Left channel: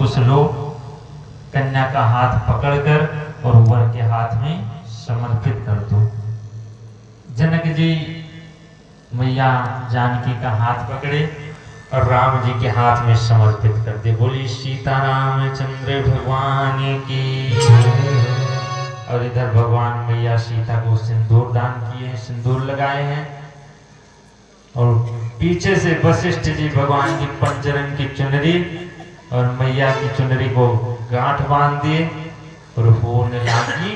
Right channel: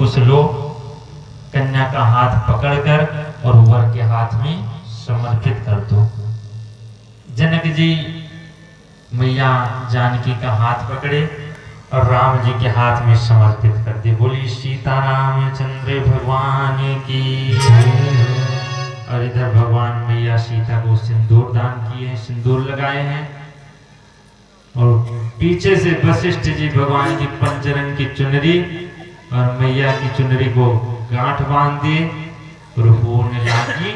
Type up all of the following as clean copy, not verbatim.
कुछ लोग कन्या का हाथ पकड़कर और वर के हाथ में समर्पित कर दो। जनक जी मैया जानकी का हाथ पकड़े और राम जी के हाथ में समर्पित कर दे। बोली सीतारामचंद्र भगवान की। और इधर भगवान मैया सीता को सिंदूर दान किए, सिंदूर लगाए हैं। और पीछे से वशिष्ठ जी भगवान की पंचरंग की चुनरी और मैया की चुनरी को गांठ बांध दिए और होने लगी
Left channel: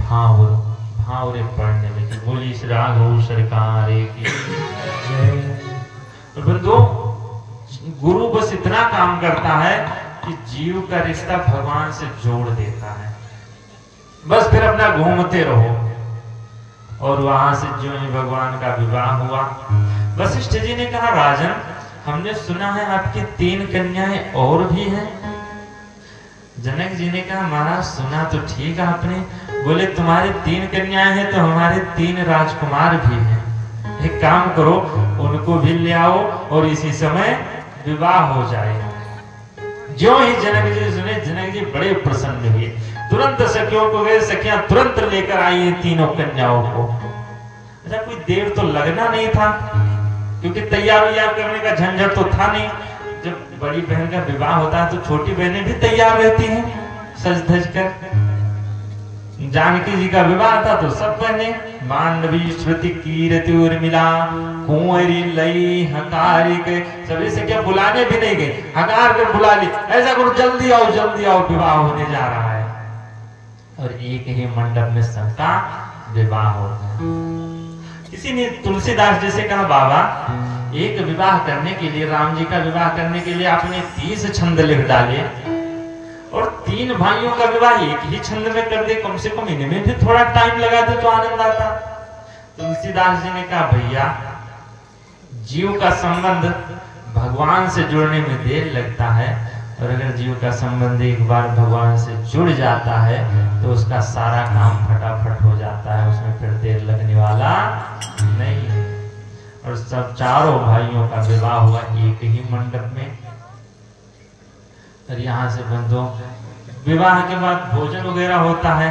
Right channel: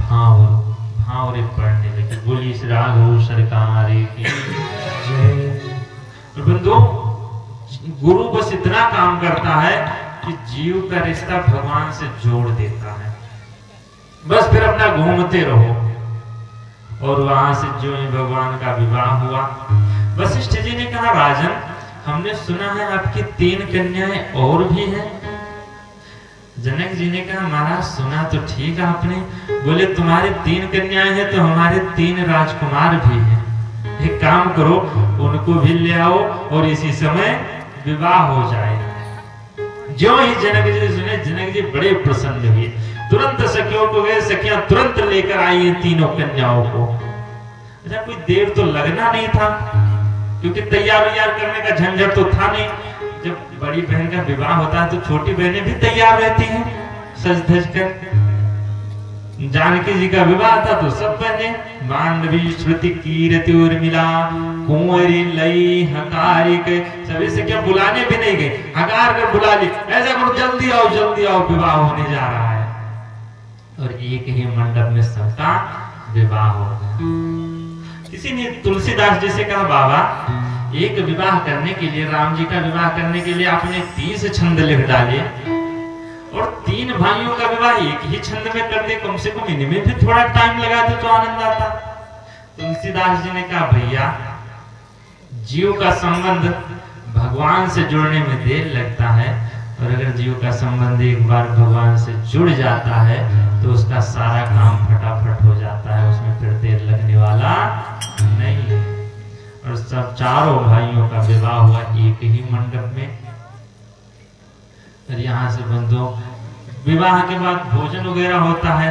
भावरे पड़ने लगी। बोली श्री राघव सरकार की। बंधु, गुरु बस इतना काम करता है कि जीव का रिश्ता भगवान से जोड़ देता है। बस फिर अपना घूमते रहो। और वहां से जो भगवान का विवाह हुआ, वशिष्ठ जी ने कहा राजन, हमने सुना है आपकी 3 कन्याएं और भी हैं। जनक जी ने कहा महाराज सुना तो ठीक आपने, बोले तुम्हारे 3 कन्याएं हैं तो हमारे 3 राजकुमार भी हैं। एक काम करो, उनको भी ले आओ और इसी समय विवाह हो जाए। जो ही जनक जी सुने, जनक जी बड़े प्रसन्न हुए। तुरंत सखियों को गए, सखियां तुरंत लेकर आई हैं 3 कन्याओं को। अच्छा, कोई देर तो लगना नहीं था, क्योंकि तैयार करने का झंझट तो था नहीं। जब बड़ी बहन का विवाह होता है तो छोटी बहनें भी तैयार रहती हैं सज धज कर। जानकी जी का विवाह था तो सब बहनें मांडवी श्रुति कीर्ति उर्मिला कुंवरी लई हकारी के सभी से क्या बुलाने भी नहीं गए, हकार कर बुला ली। ऐसा करो जल्दी आओ विवाह होने जा रहा है। और एक ही मंडप में सबका विवाह हो गया। किसी ने तुलसीदास जी से कहा बाबा, एक विवाह करने के लिए, राम जी का विवाह करने के लिए आपने 30 छंद लिख डाले और 3 भाइयों का विवाह एक ही छंद में कर दे, कम से कम इनमें भी थोड़ा टाइम लगा दे तो आनंद आता। तुलसीदास जी ने कहा भैया, जीव का संबंध भगवान से जुड़ने में देर लगता है, और अगर जीव का संबंध एक बार भगवान से जुड़ जाता है तो उसका सारा काम फटाफट हो जाता है, उसमें फिर देर लगने वाला नहीं है। और सब 4 भाइयों का विवाह हुआ एक ही मंडप में। और यहाँ से बंधु, विवाह के बाद भोजन वगैरह होता है,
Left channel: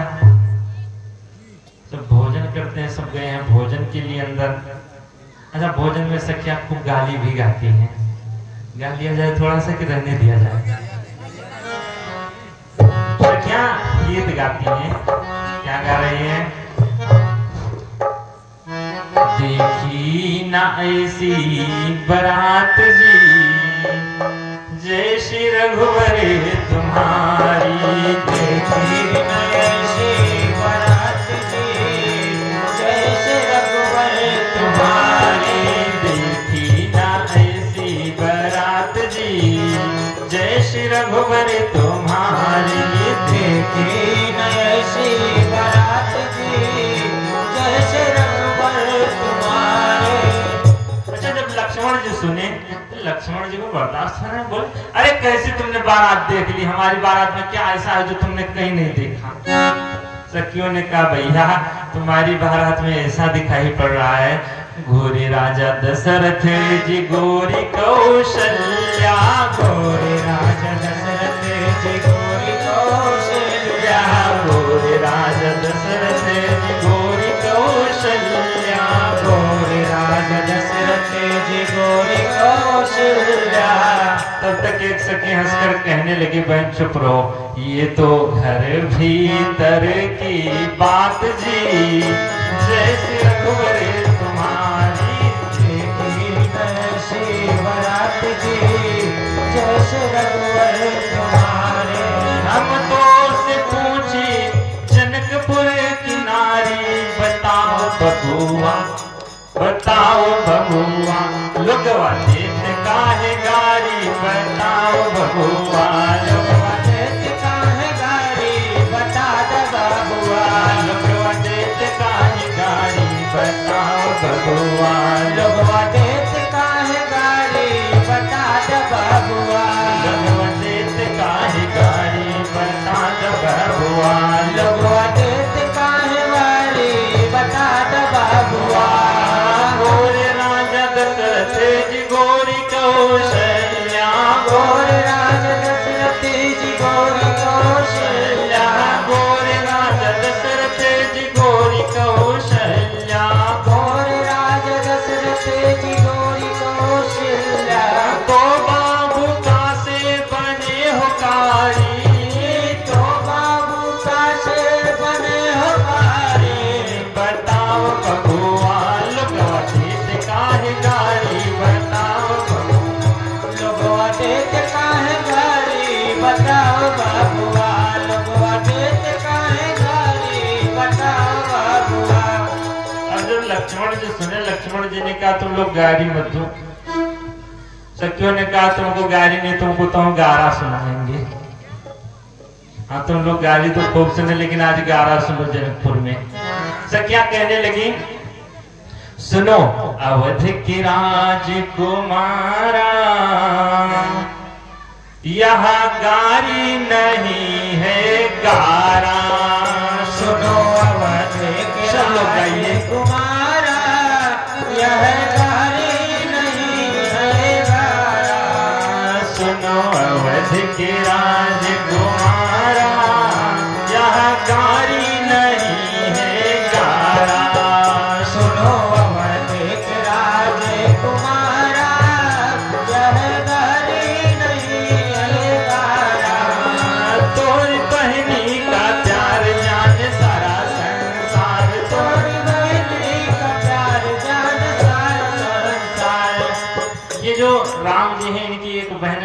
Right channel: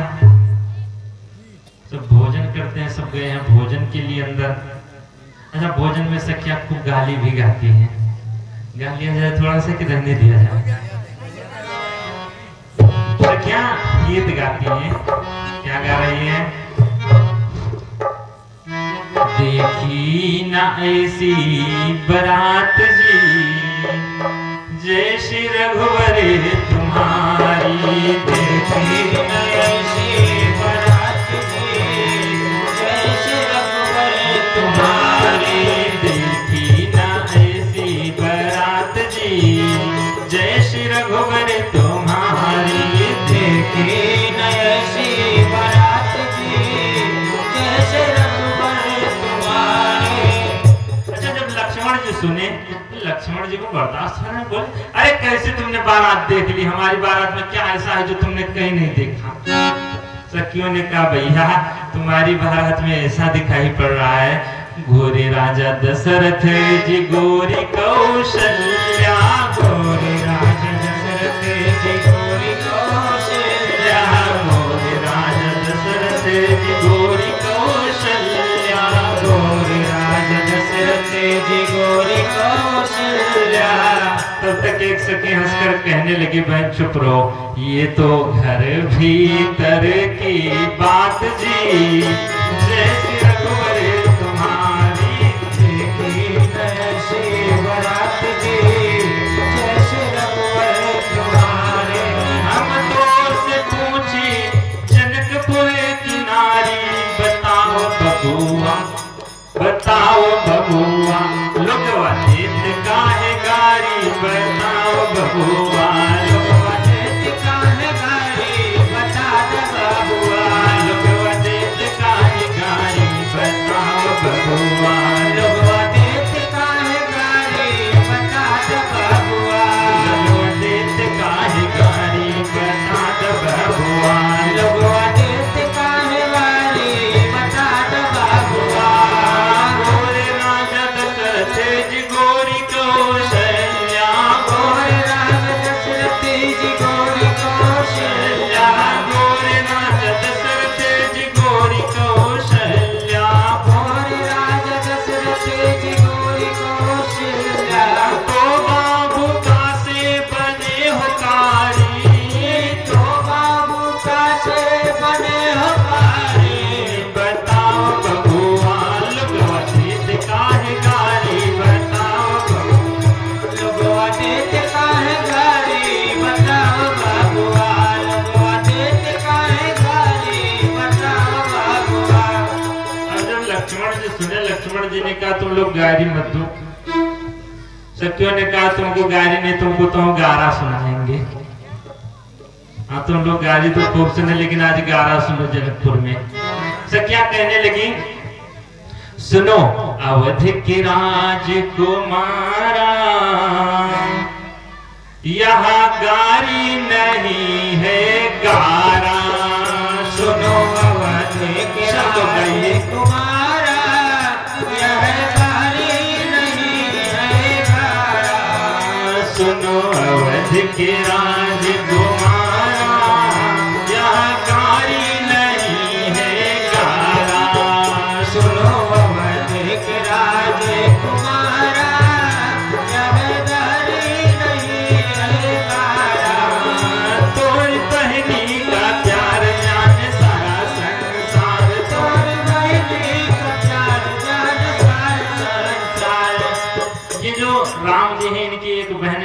सब भोजन करते हैं, सब गए हैं भोजन के लिए अंदर। अच्छा, भोजन में सखियां खूब गाली भी गाती हैं। गा लिया जाए थोड़ा सा कि रहने दिया जाए? सखियां गीत गाती हैं। क्या गा रही हैं? देखी ना ऐसी बारात जी, जय श्री रघुवर तुम्हारी। देखी ना ऐसी बारात जी, जय श्री रघुवर तुम्हारी। देखी ना ऐसी बारात जी, जय श्री रघुवर तुम्हारी। देखी ना ऐसी बारात जी, जय श्री रघुवर तुम्हारी। अच्छा, जब लक्ष्मण जी सुने, लक्ष्मण जी को बर्दाश्त नहीं, बोले अरे कैसे तुमने बारात देख ली, हमारी बारात में क्या ऐसा है जो तुमने कहीं नहीं देखा? सखियों ने कहा भैया, तुम्हारी बारात में ऐसा दिखाई पड़ रहा है, गोरे राजा दशरथ जी गोरी कौशल्या। गोरे राजा दशरथ जी गोरी कौशल्या। गोरे राजा दशरथ जी गोरी कौशल्या। गोरे राजा दशरथ जी गोरी कौशल्या। तब तक एक सखी हंसकर कहने लगी बहन चुप रहो, ये तो घर भीतर की बात जी। जय श्री रघुवर तुम्हारी। देखी ऐसी बारात जी, जय श्री रघुवर तुम्हारे। हम तो से पूछी जनकपुर की नारी, बताओ बबुआ बताओ बबुआ, लोगवा देत काहे गारी। बताओ बबुआ, लोगवा देत काहे गारी। बता दे बबुआ, लोगवा देत काहे गारी। बताओ बबुआ, लोगवा देत काहे गारी। बता दे बबुआ, लोगवा देत काहे गारी। बता दे बबुआ, लोगवा देत काहे गारी। बता दे बबुआ। गोरे राजा दशरथ जी गोरी कौशल्या। गोरे राजा जी ने कहा तुम लोग गारी मत दो। सखियों ने कहा तुमको गारी नहीं, तुमको तो हम गारा सुनाएंगे। हाँ तुम लोग गाली तो खूब सुने, लेकिन आज गारा सुनो जनकपुर में। सखियां कहने लगी सुनो अवध की राजकुमारा, यहाँ गारी नहीं है गारा। सुनो अवध के राजकुमारा, यह गारी नहीं है गारा। सुनो अवध के राजकुमारा,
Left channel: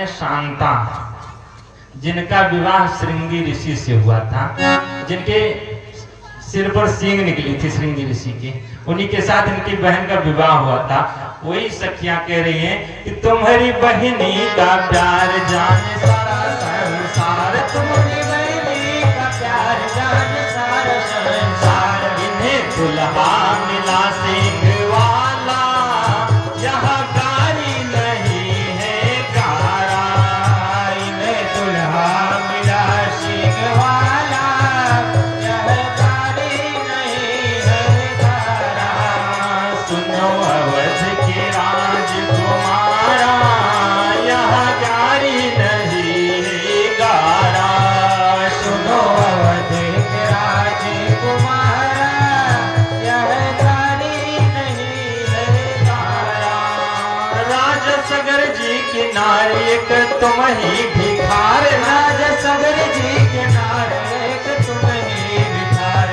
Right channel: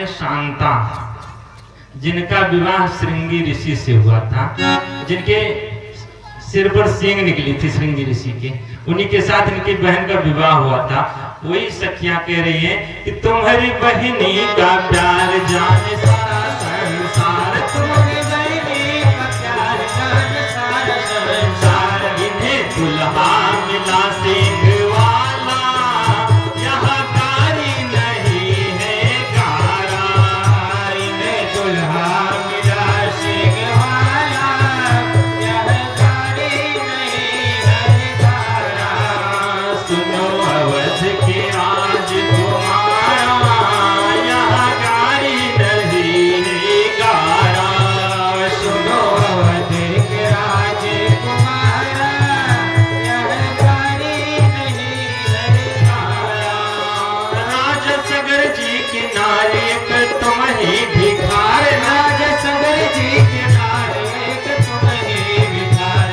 शांता, जिनका विवाह श्रृंगी ऋषि से हुआ था, जिनके सिर पर सींग निकली थी श्रृंगी ऋषि के, उन्हीं के साथ इनकी बहन का विवाह हुआ था। वही सखियां कह रही हैं कि तुम्हारी बहनी का प्यार जाने सारा संसार, तुम्हारी बहनी का प्यार जाने सारा संसार। इन्हें दुल्हा मिला सिंह वाला, यहाँ गारी नहीं है गारा। इन्हें दुल्हा मिला सिंह वाला, यह गारी नहीं है गारा। सुनो अवध के राजकुमारा, यहाँ गारी नहीं है गारा। सुनो अवध के राजकुमारा, यह गारी नहीं है गारा। राजा सगर जी के नारे एक तुम ही भिखार, राजा सगर जी के नारे एक तुम ही भिखार।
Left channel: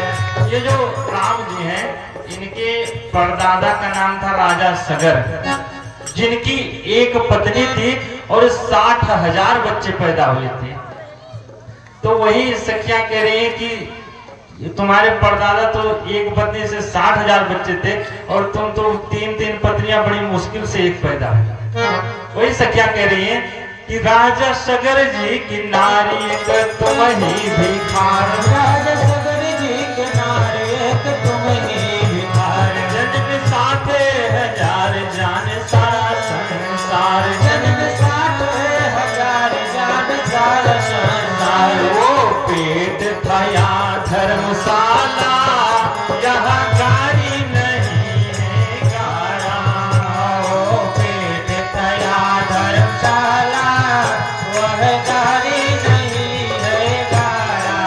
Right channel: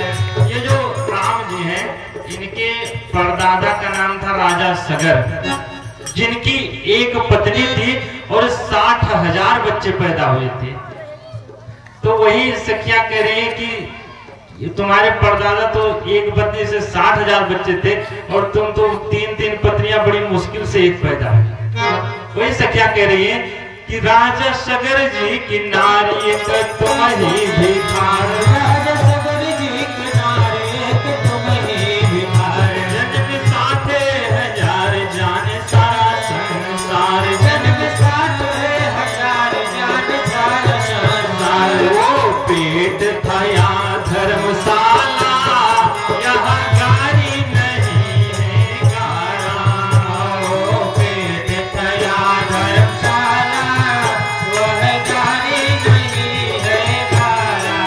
ये जो राम जी हैं, इनके परदादा का नाम था राजा सगर, जिनकी एक पत्नी थी और 60,000 बच्चे पैदा हुए थे। तो वही सखियां कह रही हैं कि तुम्हारे परदादा तो एक पत्नी से 60,000 बच्चे थे और तुम तो 3-3 पत्नियां बड़ी मुश्किल से एक पैदा हुई। वही सखियां कह रही हैं कि राजा सगर जी की नारी एक तुम ही भिखार, राजा सगर जी की नारी एक तुम ही भिखार। जन्म 60,000 जाने सारा संसार, जन्म 60,000 जाने सारा संसार। वो पेट था या धर्मशाला, यहाँ गारी नहीं है गारा। वो पेट था या धर्मशाला, वह गारी नहीं है गारा।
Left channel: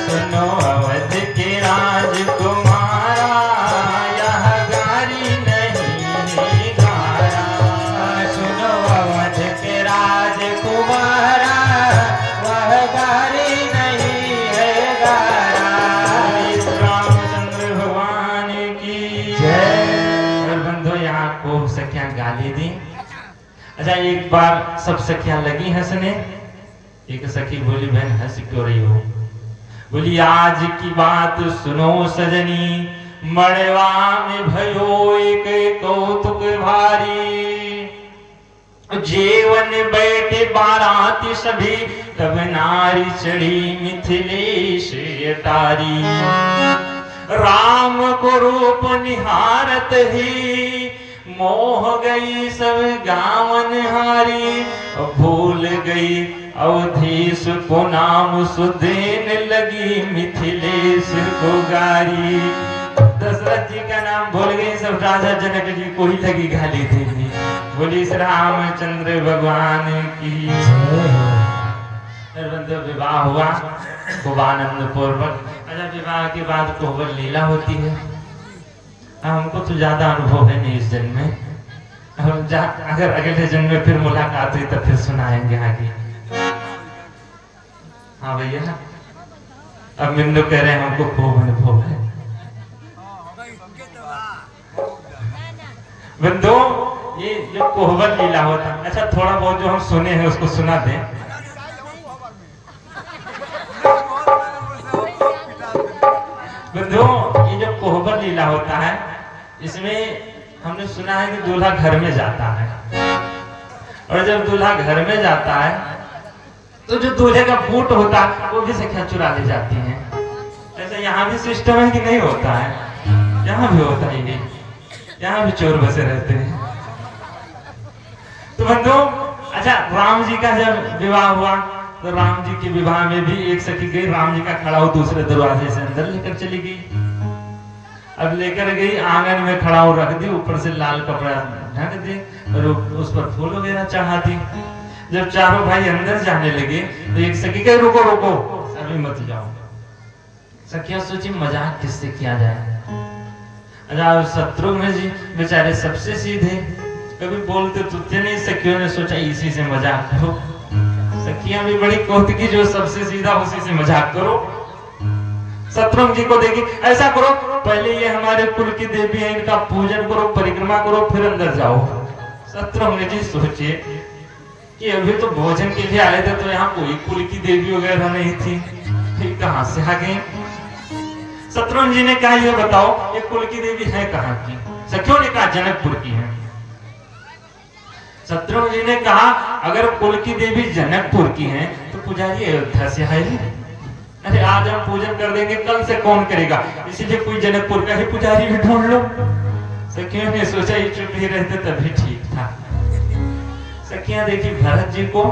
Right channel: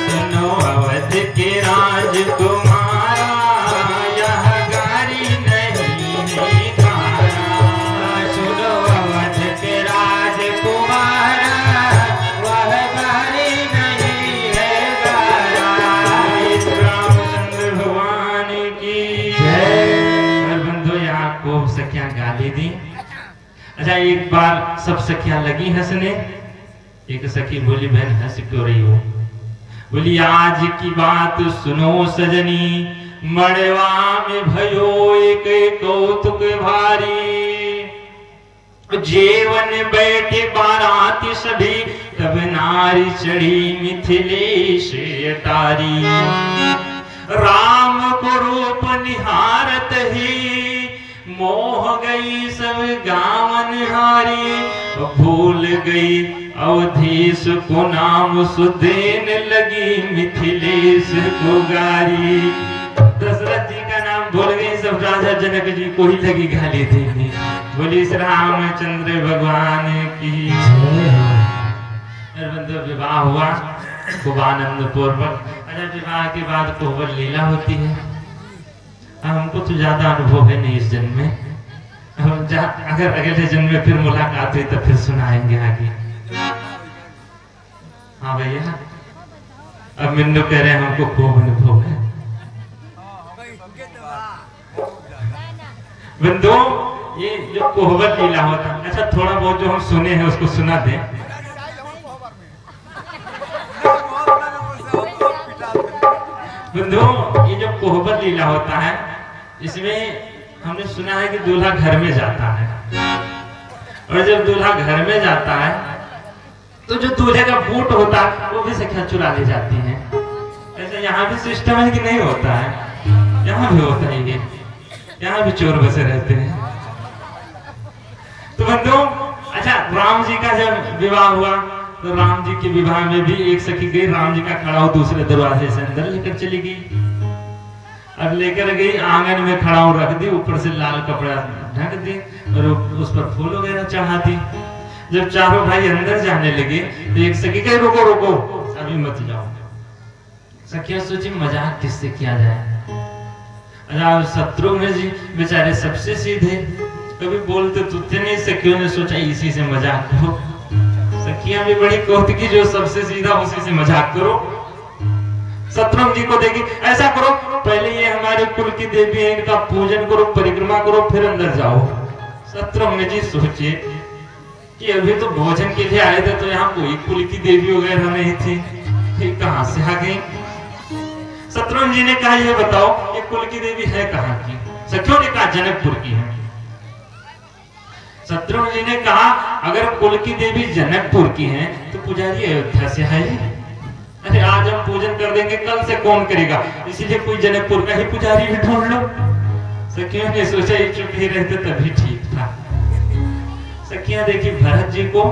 सुनो अवध के राजकुमारा, यह गारी नहीं है गारा। सुनो अवध के राजकुमारा, वह गारी नहीं है गारा। इस रामचंद्र भगवान की जय। और बंधु यहाँ को सखियां गाली दी। अच्छा एक बार सब सखियां लगी हंसने। एक सखी बोली बहन हंस क्यों रही हो? बोली आज की बात सुनो सजनी, मड़वा में भयो एक कौतुक भारी। जेवन बैठे बाराती सभी, तब नारी चढ़ी मिथिलेश अटारी। राम को रूप निहारत ही, मोह गई सब गावन हारी। भूल गई अवधेश को नाम, सुदेन लगी मिथिलेश को गारी। दशरथ जी का नाम भूल गई, सब राजा जनक जी को ही लगी गाली देनी। बोली श्री रामचंद्र भगवान की जय। विवाह हुआ खूब आनंद पूर्वक। अच्छा विवाह के बाद कोहबर लीला होती है। हमको तो ज्यादा अनुभव है नहीं इस जन्म में, अगर अगले जन्म में फिर मुलाकात हुई तो फिर सुनाएंगे आगे। हाँ भैया अब मिन्नू कह रहे हैं हमको खूब अनुभव है। बंधु ये जो कोहबर लीला होता है, अच्छा थोड़ा बहुत जो हम सुने हैं उसको सुना दें। बंधु ये जो कोहबर लीला होता है, इसमें हमने सुना है कि दूल्हा घर में जाता है, और जब दूल्हा घर में जाता है तो जो दूल्हे का बूट होता है वो भी सखियां चुरा ले जाती हैं। ऐसा यहाँ भी सिस्टम है कि नहीं होता है? यहाँ भी होता है ये, यहाँ भी चोर बसे रहते हैं। तो बंधु, अच्छा, राम जी का जब विवाह हुआ तो राम जी के विवाह में भी एक सखी गई, राम जी का खड़ा हो दूसरे दरवाजे से अंदर लेकर चली गई। अब लेकर गई, आंगन में खड़ा हो रख दी, ऊपर से लाल कपड़ा ढक दी और उस पर फूल वगैरह चढ़ा दी। जब चारों भाई अंदर जाने लगे तो एक सखी कहे रुको रुको, अभी मत जाओ। सखिया सोची मजाक किससे किया जाए। अच्छा, शत्रुघ्न जी बेचारे सबसे सीधे, कभी बोलते तो थे नहीं। सखियों ने सोचा इसी से मजाक करो। सखियां भी बड़ी कौतुकी, जो सबसे सीधा उसी से मजाक करो। शत्रुघ्न जी को देखी, ऐसा करो पहले ये हमारे कुल की देवी है, इनका पूजन करो, परिक्रमा करो, फिर अंदर जाओ। शत्रुघ्न जी सोचे कि अभी तो भोजन के लिए आए थे तो यहाँ कोई कुल की देवी वगैरह नहीं थी, फिर कहां से आ गई। शत्रुघ्न जी ने कहा यह बताओ ये कुल की देवी है कहाँ की? सखियों ने कहा जनकपुर की है। शत्रुघ्न जी ने कहा अगर कुल की देवी जनकपुर की है तो पुजारी अयोध्या से है। अरे आज हम पूजन कर देंगे, कल से कौन करेगा, इसीलिए कोई जनकपुर का ही पुजारी भी ढूंढ लो। सखियों ने सोचा ये चुप ही रहते तभी ठीक था। सखियां देखी भरत जी को,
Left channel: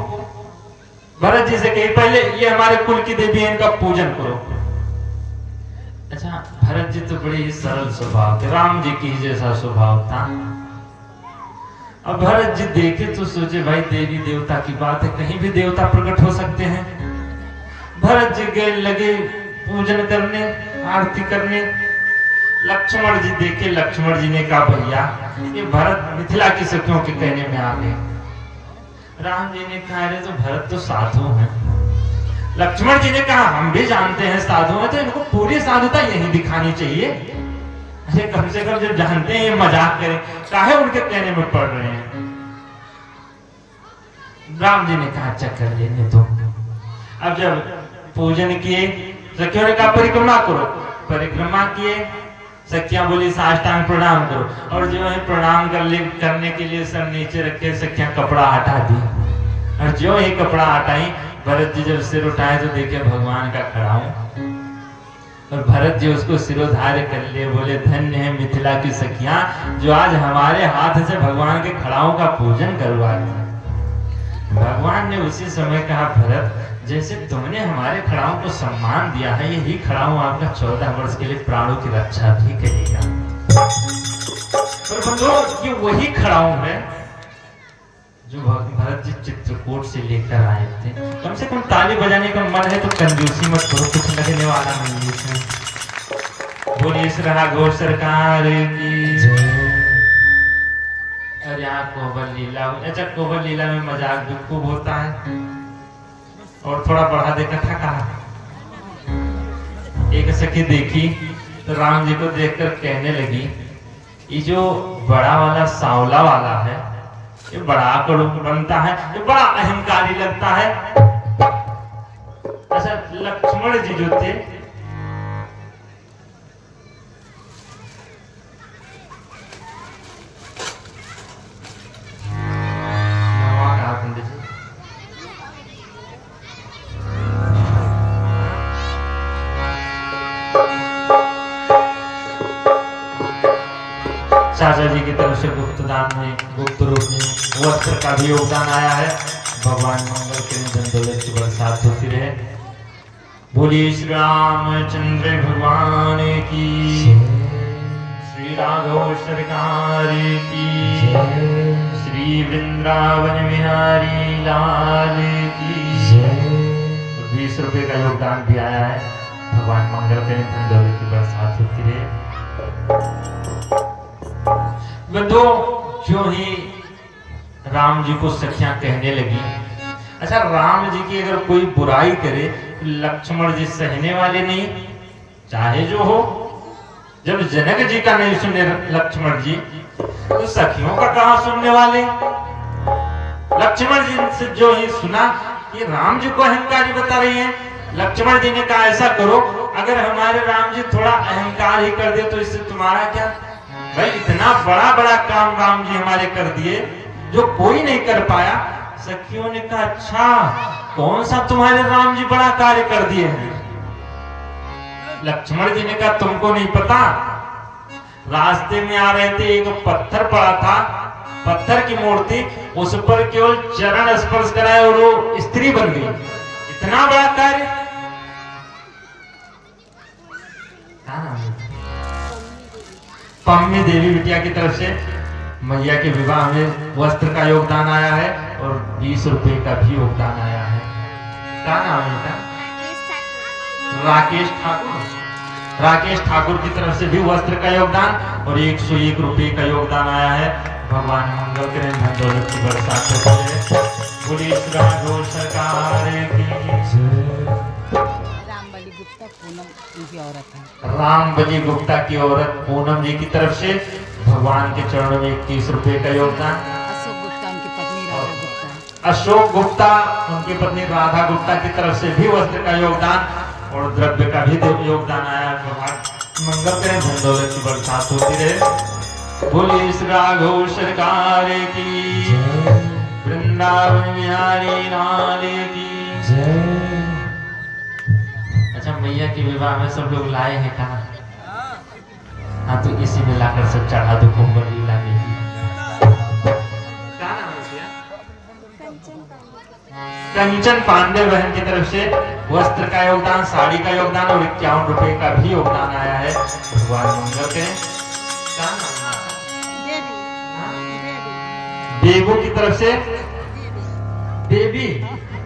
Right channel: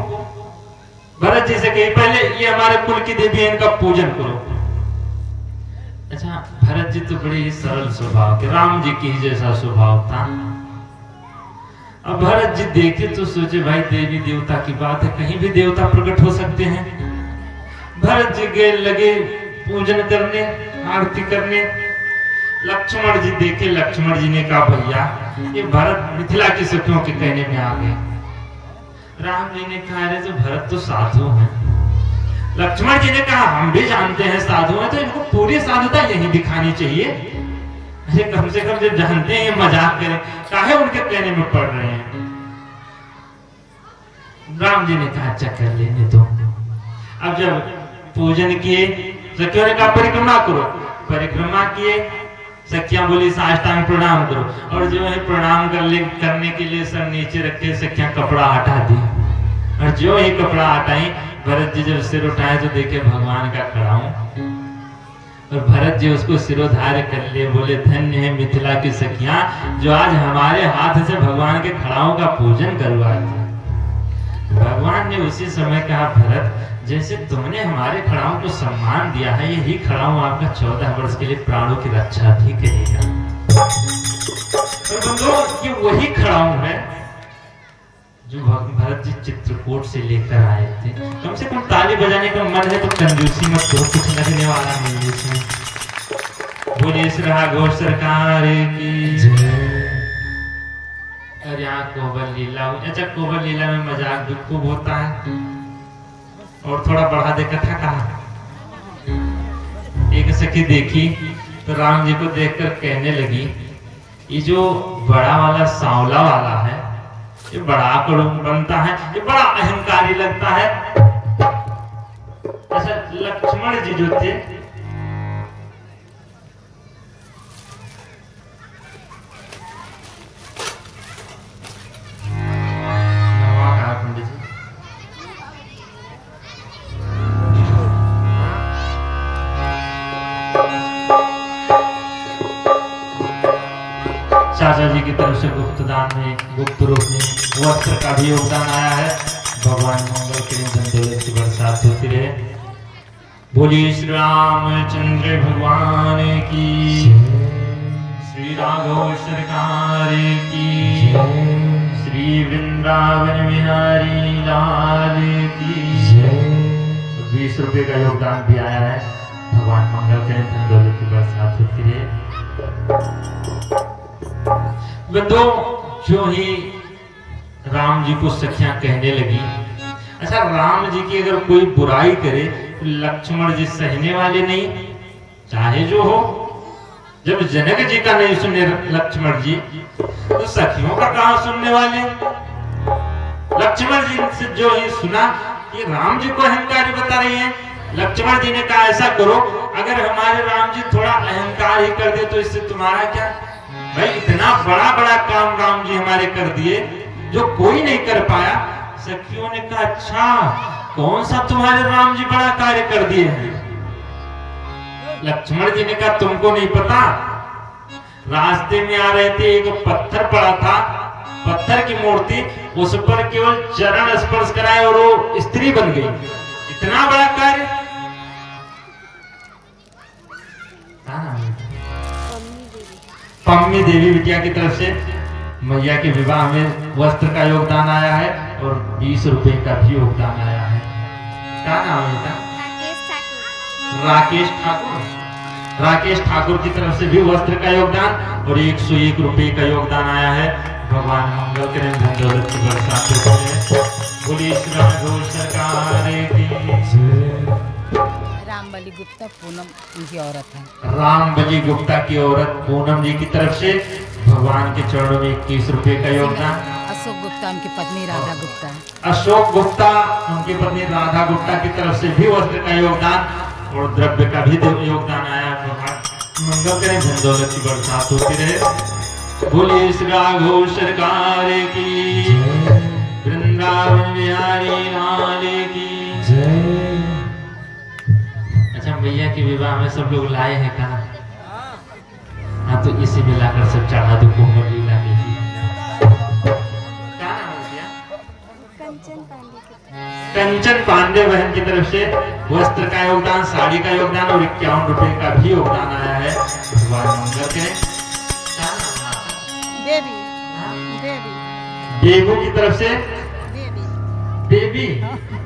भरत जी से कही पहले ये हमारे कुल की देवी है, इनका पूजन करो। अच्छा, भरत जी तो बड़े ही सरल स्वभाव के, राम जी की जैसा स्वभाव था। अब भरत जी देखे तो सोचे भाई देवी देवता की बात है, कहीं भी देवता प्रकट हो सकते हैं। भरत जी गए लगे पूजन करने, आरती करने। लक्ष्मण जी देखे, लक्ष्मण जी ने कहा भैया ये भरत मिथिला की सखियों के कहने में आ गए। राम जी ने कहा अरे तो भरत तो साधु हैं। लक्ष्मण जी ने कहा हम भी जानते हैं साधु हैं, तो इनको पूरी साधुता यही दिखानी चाहिए। अरे कम से कम जब जानते हैं ये मजाक करें, काहे उनके कहने में पड़ रहे हैं। राम जी ने कहा अच्छा कर लेने दो। अब जब पूजन किए, सखियों ने कहा परिक्रमा करो, परिक्रमा किए। सखियां बोली साष्टांग प्रणाम करो, और जो है प्रणाम करने के लिए सर नीचे रखे सखियां कपड़ा हटा दी। और जो ही कपड़ा हटाई, भरत जी जब सिर उठाए तो देखे भगवान का खड़ा हूं, और भरत जी उसको सिरोधार्य कर लिए, बोले धन्य है मिथिला की सखियां जो आज हमारे हाथ से भगवान के खड़ाओं का पूजन करवाती। भगवान ने उसी समय कहा भरत जैसे तुमने हमारे खड़ाओं को सम्मान दिया है, यही खड़ाओं आपका 14 वर्ष के लिए प्राणों की रक्षा भी करेगा। और बंधुओं, ये वही खड़ाओं है जो भरत जी चित्रकूट से लेकर आए थे। कम से कम ताली बजाने का मन है तो कंजूसी मत करो, कुछ लगने वाला नहीं है इसमें। बोलिए श्री घोष सरकार की। अरे यहाँ कोबर लीला, अच्छा कोबर लीला में मजाक भी खूब होता है। और थोड़ा बढ़ा दे कथा कहा। एक सखी देखी तो राम जी को देखकर कहने लगी ये जो बड़ा वाला सांवला वाला है ये बड़ा कड़ू बनता है, ये बड़ा अहंकारी लगता है। अच्छा, लक्ष्मण जी जो थे पंडित जी, चाचा जी की तरफ से गुप्त दान में, गुप्त रूप में वस्त्र का भी योगदान आया है। भगवान मंगल करें, धन दौलत की बरसात होती रहे। बोलिए श्री रामचंद्र भगवान की, श्री राघव सरकार की, श्री वृंदावन बिहारी लाल की। 20 रुपए का योगदान भी आया है। भगवान मंगल करें, धन दौलत की बरसात होती रहे। बंधुओं, जो ही राम जी को सखियां कहने लगी, अच्छा राम जी की अगर कोई बुराई करे लक्ष्मण जी सहने वाले नहीं, चाहे जो हो। जब जनक जी का नहीं सुने लक्ष्मण जी तो सखियों का कहां सुनने वाले। लक्ष्मण जी से जो ही सुना ये राम जी को अहंकारी बता रही है। लक्ष्मण जी ने कहा ऐसा करो, अगर हमारे राम जी थोड़ा अहंकार ही कर दे तो इससे तुम्हारा क्या, भाई इतना बड़ा बड़ा काम राम जी हमारे कर दिए जो कोई नहीं कर पाया। सखियों ने कहा अच्छा कौन सा तुम्हारे राम जी बड़ा कार्य कर दिए हैं? लक्ष्मण जी ने कहा तुमको नहीं पता, रास्ते में आ रहे थे एक पत्थर पड़ा था, पत्थर की मूर्ति, उस पर केवल चरण स्पर्श कराए और वो स्त्री बन गई। इतना बड़ा कार्य। पम्मी देवी बिटिया की तरफ से मैया के विवाह में वस्त्र का योगदान आया है और 20 रुपए का भी योगदान आया है। क्या नाम है इनका? राकेश ठाकुर। राकेश ठाकुर की तरफ से भी वस्त्र का योगदान और 101 रुपए का योगदान आया है। भगवान मंगल करें, धन दौलत की बरसात हो। बोलिए श्री राघव सरकार की। रामबली गुप्ता पूनम की औरत है। रामबली गुप्ता की औरत पूनम जी की तरफ से भगवान के चरणों में 21 रुपए का योगदान। अशोक गुप्ता उनकी पत्नी राधा गुप्ता। अशोक गुप्ता उनकी पत्नी राधा गुप्ता की तरफ से भी वस्त्र का योगदान और द्रव्य का भी योगदान आया। मंगल करें, धन दौलत की बरसात होती रहे। बोलिए श्री राघव सरकार की, वृंदावन बिहारी लाल की जय। अच्छा मैया के विवाह में सब लोग लाए हैं खाना? हाँ तो इसी में लाकर सब चढ़ा दो कुंभ लीला में। क्या नाम है भैया? कंचन पांडे बहन की तरफ से वस्त्र का योगदान, साड़ी का योगदान और 51 रुपए का भी योगदान आया है। भगवान मंगल के। क्या नाम है? बेबू की तरफ से बेबी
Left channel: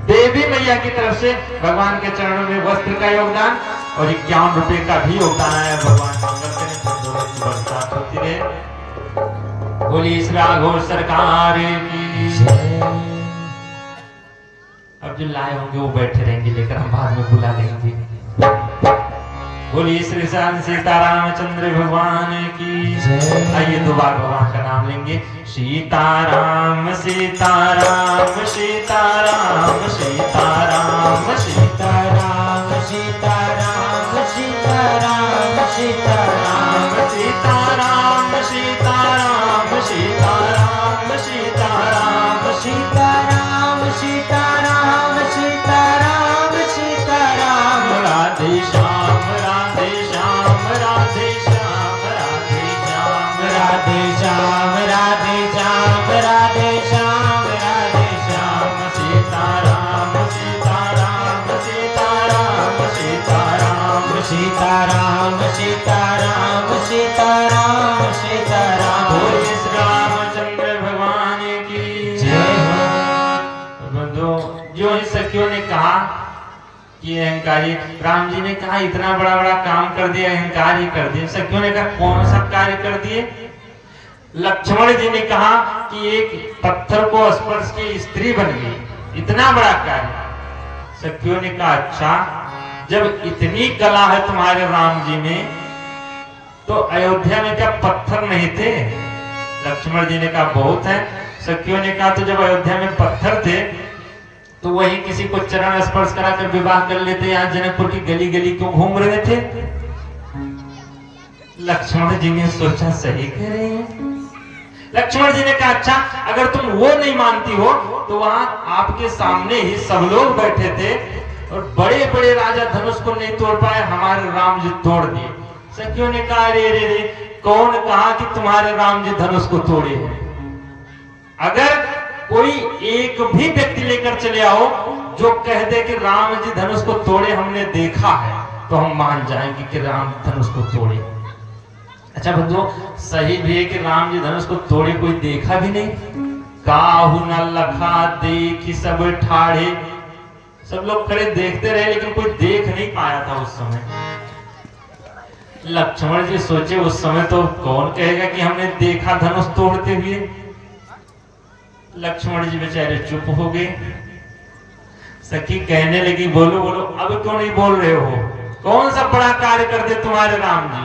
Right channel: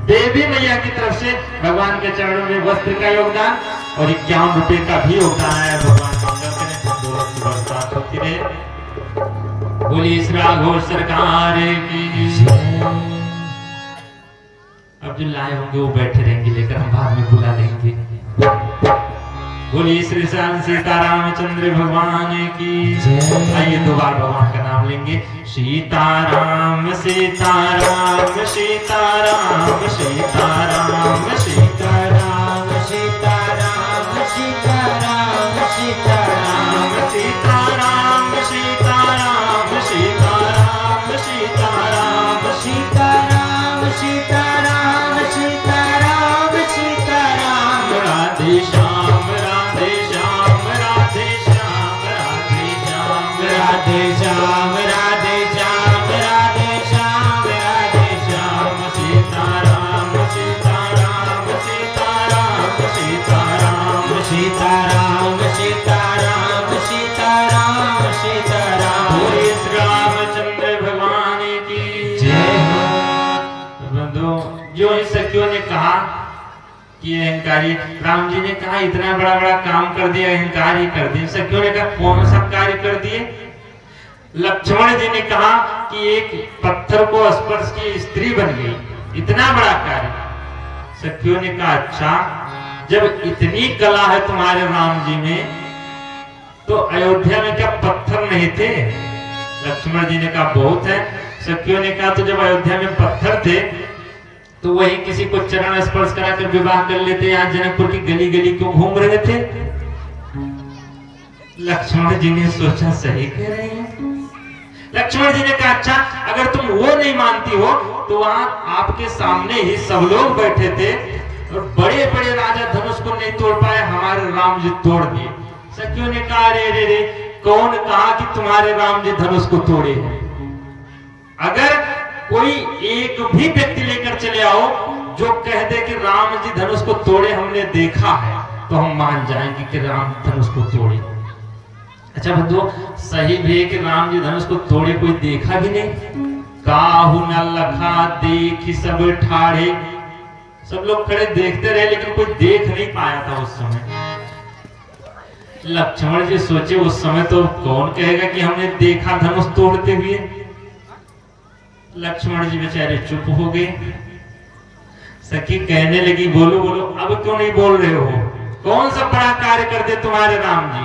देवी मैया की तरफ से भगवान के चरणों में वस्त्र का योगदान और 51 रुपए का भी योगदान आया। भगवान मंगल करें, दौलत की बरसात होती रहे। बोलिए श्री राघव सरकार की। अब जो लाए होंगे वो बैठे रहेंगे, लेकर हम बाद में बुला लेंगे। बोलिए श्री श्याम सीतारामचंद्र भगवान की। आइए दो बार भगवान का नाम लेंगे। सीताराम सीताराम सीताराम सीताराम सीताराम सीताराम सीताराम सीताराम सीताराम सीताराम सीताराम सीताराम सीताराम सीताराम सीताराम सीताराम। राधे श्याम राधे श्याम राधे श्याम राधे श्याम राधे श्याम राधे श्याम राधे श्याम राधे श्याम। सीताराम सीताराम सीताराम सीताराम सीताराम सीताराम सीताराम सीताराम। बोलिए श्री रामचंद्र भगवान की जय हो। बंधुओं, जो इन सखियों ने कहा कि अहंकारी, राम जी ने कहा इतना बड़ा बड़ा काम कर दिया, अहंकार ही कर दिया। सखियों ने कहा कौन सा कार्य कर दिए? लक्ष्मण जी ने कहा कि एक पत्थर को स्पर्श की स्त्री बन गई, इतना बड़ा कार्य। सखियों ने कहा अच्छा जब इतनी कला है तुम्हारे राम जी में तो अयोध्या में क्या पत्थर नहीं थे? लक्ष्मण जी ने कहा बहुत है। सखियों ने कहा तो जब अयोध्या में पत्थर थे तो वही किसी को चरण स्पर्श कराकर विवाह कर लेते, यहाँ जनकपुर की गली गली क्यों घूम रहे थे? लक्ष्मण जी ने सोचा सही कह रहे हैं। लक्ष्मण जी ने कहा अच्छा अगर तुम वो नहीं मानती हो तो वहां आपके सामने ही सब लोग बैठे थे और बड़े बड़े राजा धनुष को नहीं तोड़ पाए, हमारे राम जी तोड़ दिए। सखियों ने कहा रे रे रे कौन कहा कि तुम्हारे राम जी धनुष को तोड़े हैं? अगर कोई एक भी व्यक्ति लेकर चले आओ जो कह दे कि राम जी धनुष को तोड़े हमने देखा है, तो हम मान जाएंगे कि राम धनुष को तोड़े। अच्छा बंधुओं, सही भी है कि राम जी धनुष को तोड़े कोई देखा भी नहीं। काहू न लखा देखी सब ठाड़े, सब लोग खड़े देखते रहे लेकिन कोई देख नहीं पाया था उस समय। लक्ष्मण जी सोचे उस समय तो कौन कहेगा कि हमने देखा धनुष तोड़ते हुए। लक्ष्मण जी बेचारे चुप हो गए। सखी कहने लगी बोलो बोलो, अब क्यों नहीं बोल रहे हो? कौन सा बड़ा कार्य कर दे तुम्हारे राम जी?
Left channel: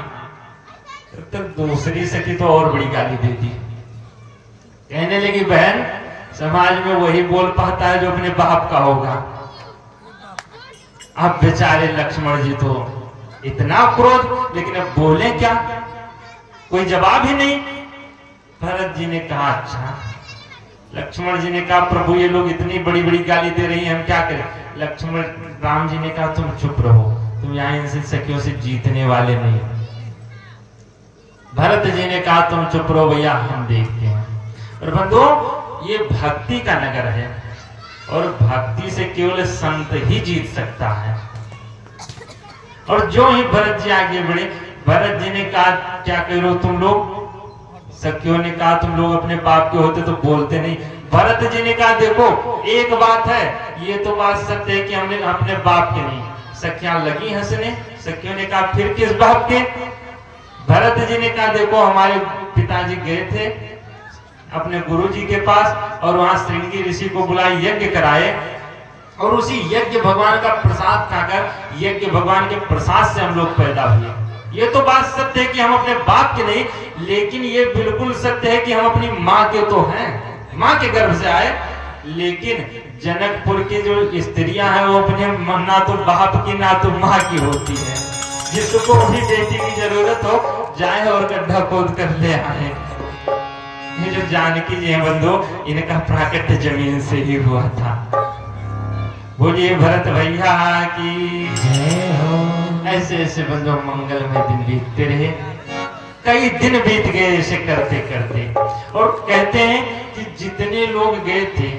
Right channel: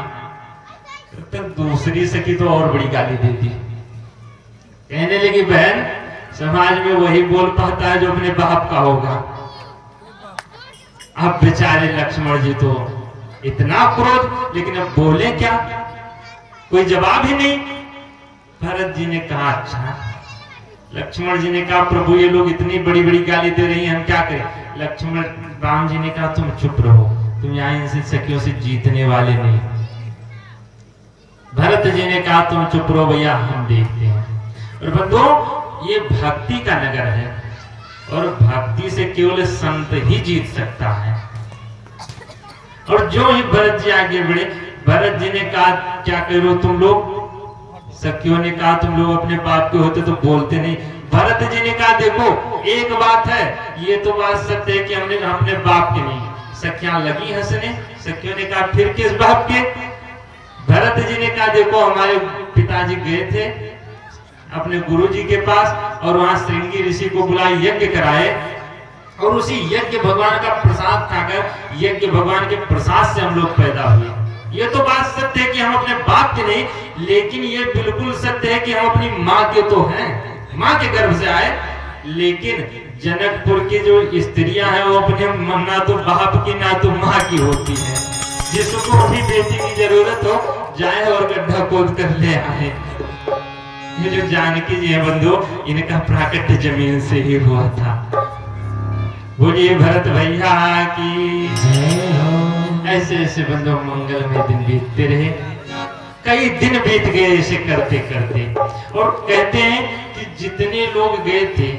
तो दूसरी सखी तो और बड़ी गाली दे दी। कहने लगी बहन समाज में वही बोल पाता है जो अपने बाप का होगा। अब बेचारे लक्ष्मण जी तो इतना क्रोध, लेकिन अब बोले क्या? कोई जवाब ही नहीं। भरत जी ने कहा अच्छा। लक्ष्मण जी ने कहा प्रभु ये लोग इतनी बड़ी बड़ी गाली दे रही हैं, हम क्या करें। लक्ष्मण राम जी ने कहा तुम चुप रहो, तुम यहाँ इनसे सखियों से जीतने वाले नहीं। भरत जी ने कहा तुम चुप रहो भैया, हम देखते हैं। और बंधुओं ये भक्ति का नगर है और भक्ति से केवल संत ही जीत सकता है। और जो ही भरत जी आगे बढ़े, भरत जी ने कहा क्या कह रहे हो तुम लोग। सखियों ने कहा तुम लोग अपने बाप के होते तो बोलते नहीं। भरत जी ने कहा देखो एक बात है, ये तो बात सत्य है कि हमने अपने बाप के नहीं। सखियां लगी हंसने। सखियों ने कहा फिर किस बाप के। भरत जी ने कहा देखो हमारे पिताजी गए थे अपने गुरु जी के पास और वहां श्रृंगी ऋषि को बुलाए, यज्ञ कराए और उसी यज्ञ भगवान का प्रसाद खाकर, यज्ञ भगवान के प्रसाद से हम लोग पैदा हुए। ये तो बात सत्य है कि हम अपने बाप के नहीं, लेकिन ये बिल्कुल सत्य है कि हम अपनी माँ के तो हैं, माँ के गर्भ से आए। लेकिन जनकपुर की जो स्त्रियां हैं वो अपने ना तो बाप की ना तो माँ की होती है। जिसको भी बेटी की जरूरत हो जाए और गड्ढा खोद कर ले आए। ये जो जानकी जी हैं बंधु, इनका प्राकट्य जमीन से ही हुआ था। बोलिए भरत भैया की जय हो। ऐसे ऐसे बंधु मंगल में दिन बीतते रहे, कई दिन बीत गए ऐसे करते करते। और कहते हैं कि जितने लोग गए थे,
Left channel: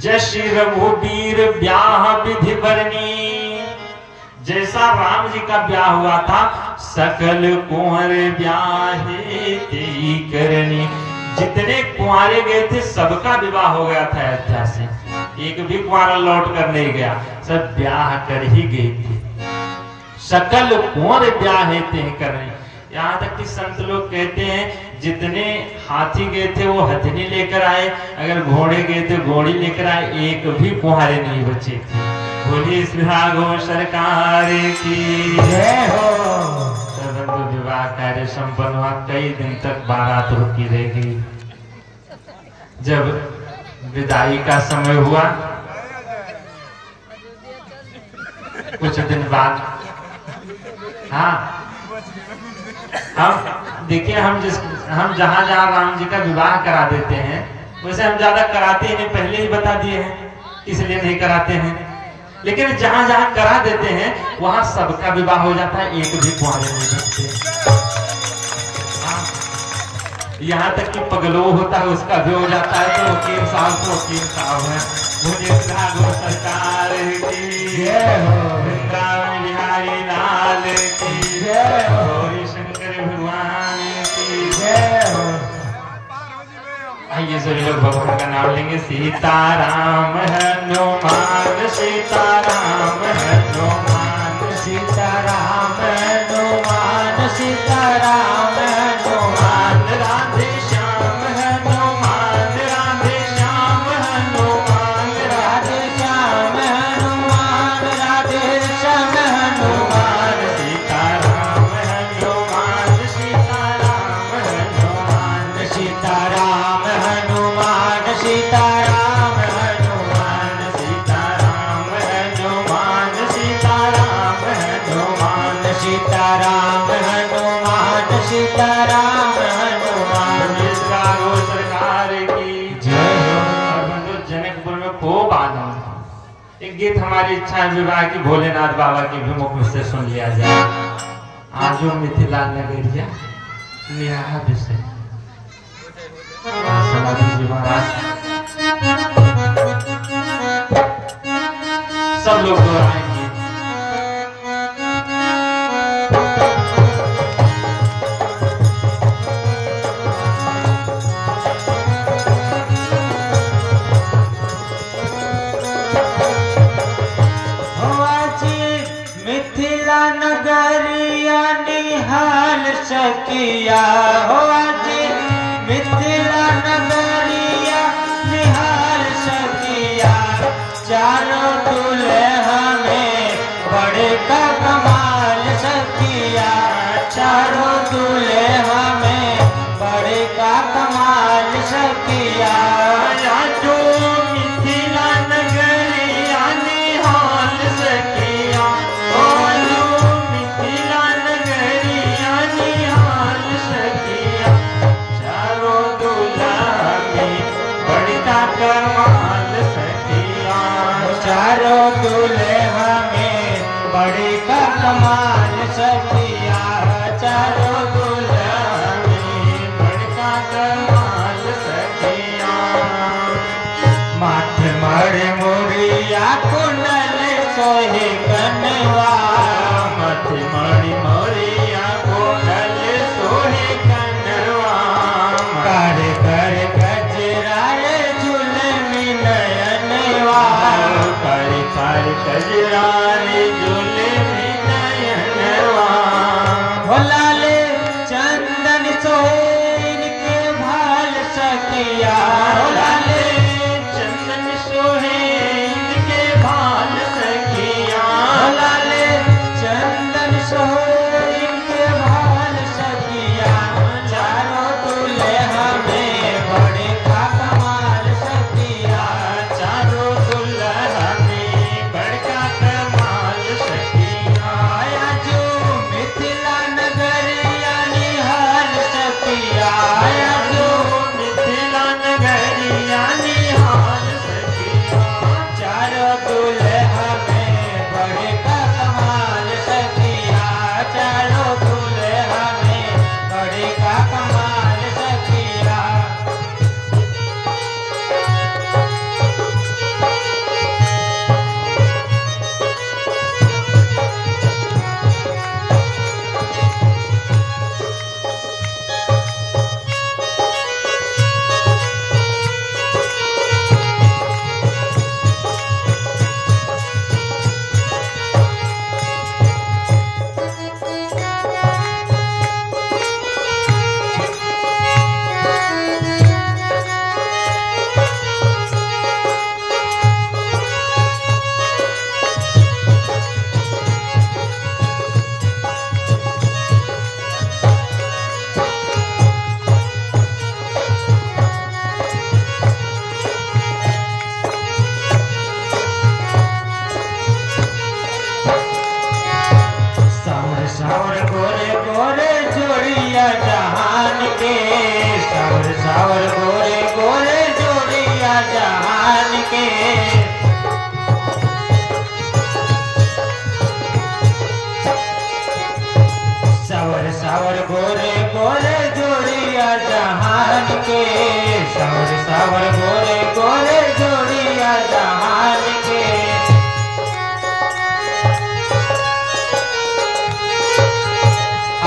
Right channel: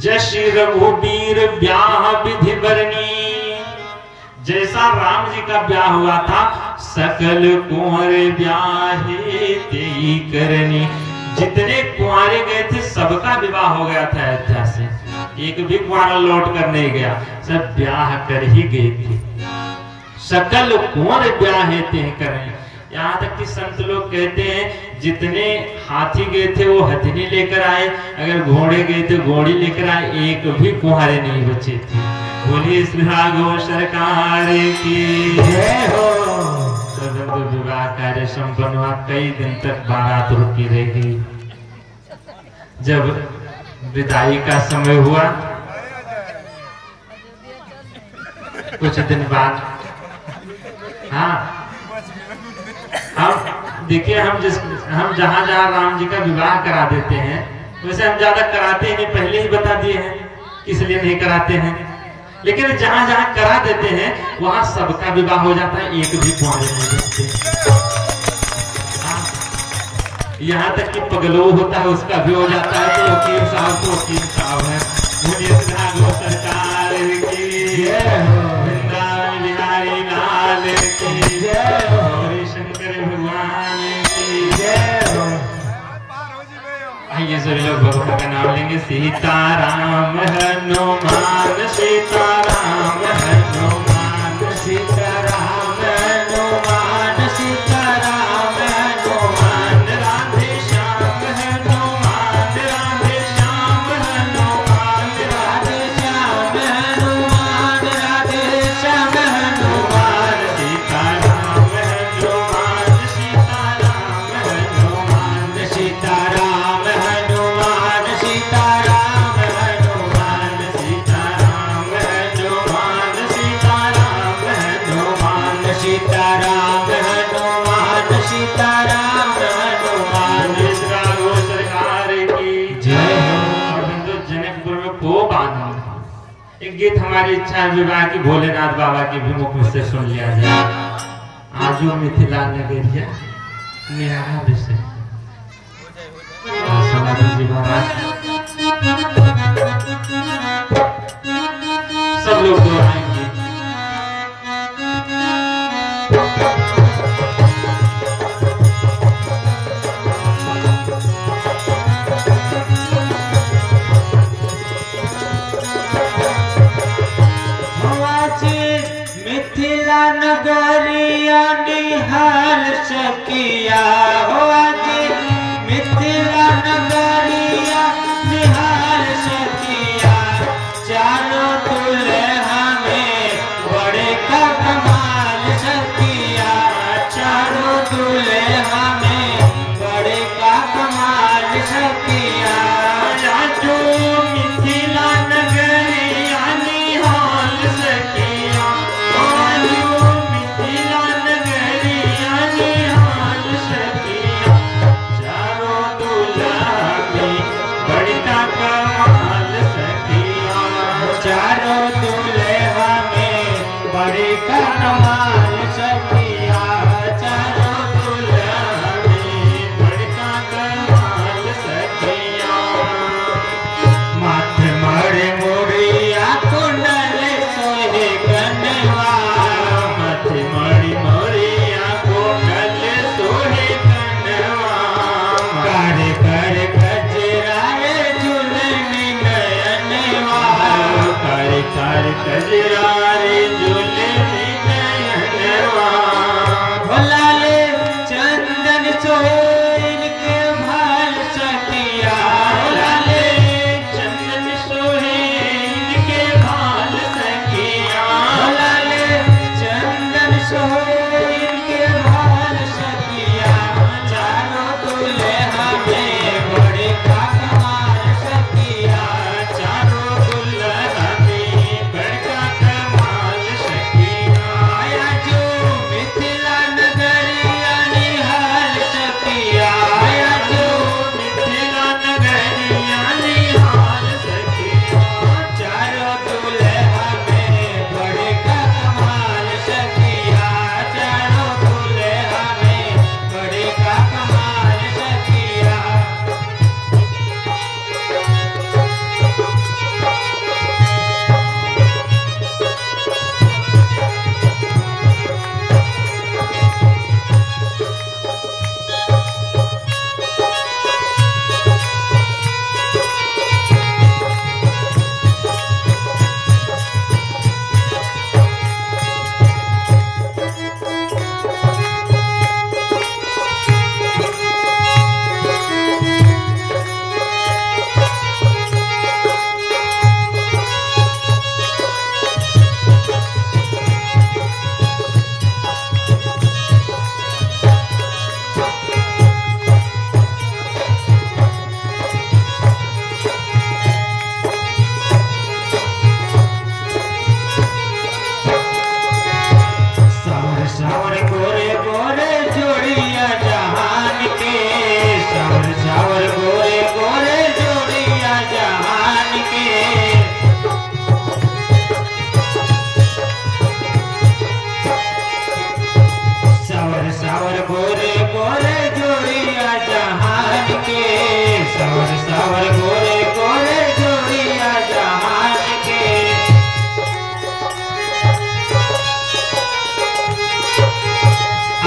जश रघुबीर ब्याह विधि बरनी, जैसा राम जी का ब्याह हुआ था सकल कुंवर ब्याहे तेई करनी। जितने कुंवारे गए थे सबका विवाह हो गया था अयोध्या से, एक भी कुंवारा लौट कर नहीं गया, सब ब्याह कर ही गए थे। सकल कुंवर ब्याहे तेई करनी। यहाँ तक कि संत लोग कहते हैं जितने हाथी गए थे वो हथनी लेकर आए, अगर घोड़े गए थे घोड़ी लेकर आए, एक भी कुंवारे नहीं बचे थे। बोलिए गो सरकार की जय हो। तो विवाह कार्य संपन्न हुआ, कई दिन तक बारात रुकी रह गई। जब विदाई का समय हुआ, कुछ दिन बाद, हाँ हम देखिए हम जहां जहां राम जी का विवाह करा देते हैं वैसे हम ज्यादा कराते ही नहीं, पहले ही बता दिए हैं इसलिए नहीं कराते हैं। लेकिन जहां जहां करा देते हैं वहां सबका विवाह हो जाता है, एक भी कुंवारे नहीं बचते। यहाँ तक कि पगलो होता है उसका भी हो जाता है, तो वकील साहब तो वकील साहब है। गो सरकार की जय हो। वृंदावन बिहारी लाल की जय हो। शंकर भगवान की जय हो। आइए सभी लोग भगवान का नाम लेंगे। सीताराम हनुमान सीताराम हनुमान सीताराम हनुमान सीताराम हनुमान राधे श्याम हनुमान राधे श्याम हनुमान राधे श्याम हनुमान राधे श्याम हनुमान सीताराम हनुमान सीताराम हनुमान सीताराम हनुमान सीताराम हनुमान सीताराम हनुमान सीताराम हनुमान सीताराम हनुमान सीताराम हनुमान। गो सरकार की जय हो। बंधु जनकपुर में खूब आनंद। एक गीत हमारी इच्छा विवाह की भोलेनाथ बाबा के भी मुख से सुन लिया जाए। आजो मिथिला नगरिया विषय सब लोग दोहराएंगे। मिथिला नगरिया निहाल सकिया हो, मिथिला नगरिया निहाल सकिया। चारों दुल्हा में बड़े का कमाल सकिया। चारों दुल्हा में बड़े का कमाल सकिया। जो मिथिला नगरिया निहाल सकिया, जो मिथिला नगरिया निहाल सकिया। बड़े का कमाल सखिया चारों दुल्हन में बड़े का कमाल सखिया माथे मड़े मोरिया कुंडल सोहे कनवा माथे मड़ी मोरिया कुंडल सोहे कनवा करे करे गजराए झुलनी नयनवा करे करे गजराए झुलनी नयनवा भोलाले चंदन सोहेर के भाल सखिया भोलाले चंदन सोहेर के भाल सखिया भोलाले चंदन सोहेर के भाल सखिया चारों दुल्हा में बड़े का कमाल सखिया चारों दुल्हा में बड़े का कमाल सखिया आया जो मिथिला नगरिया निहाल सखिया आया जो मिथिला नगरिया निहाल सखिया चारों दुल्हा में बड़े का कमाल सखिया चारों दुल्हा में बड़े का कमाल सखिया सावर सावर गोरे गोरे जोड़िया जहान के सावर सावर गोरे गोरे जोड़िया जहान के सावर सावर गोरे गोरे जोड़िया जहान के सावर सावर गोरे गोरे जोड़िया जहान के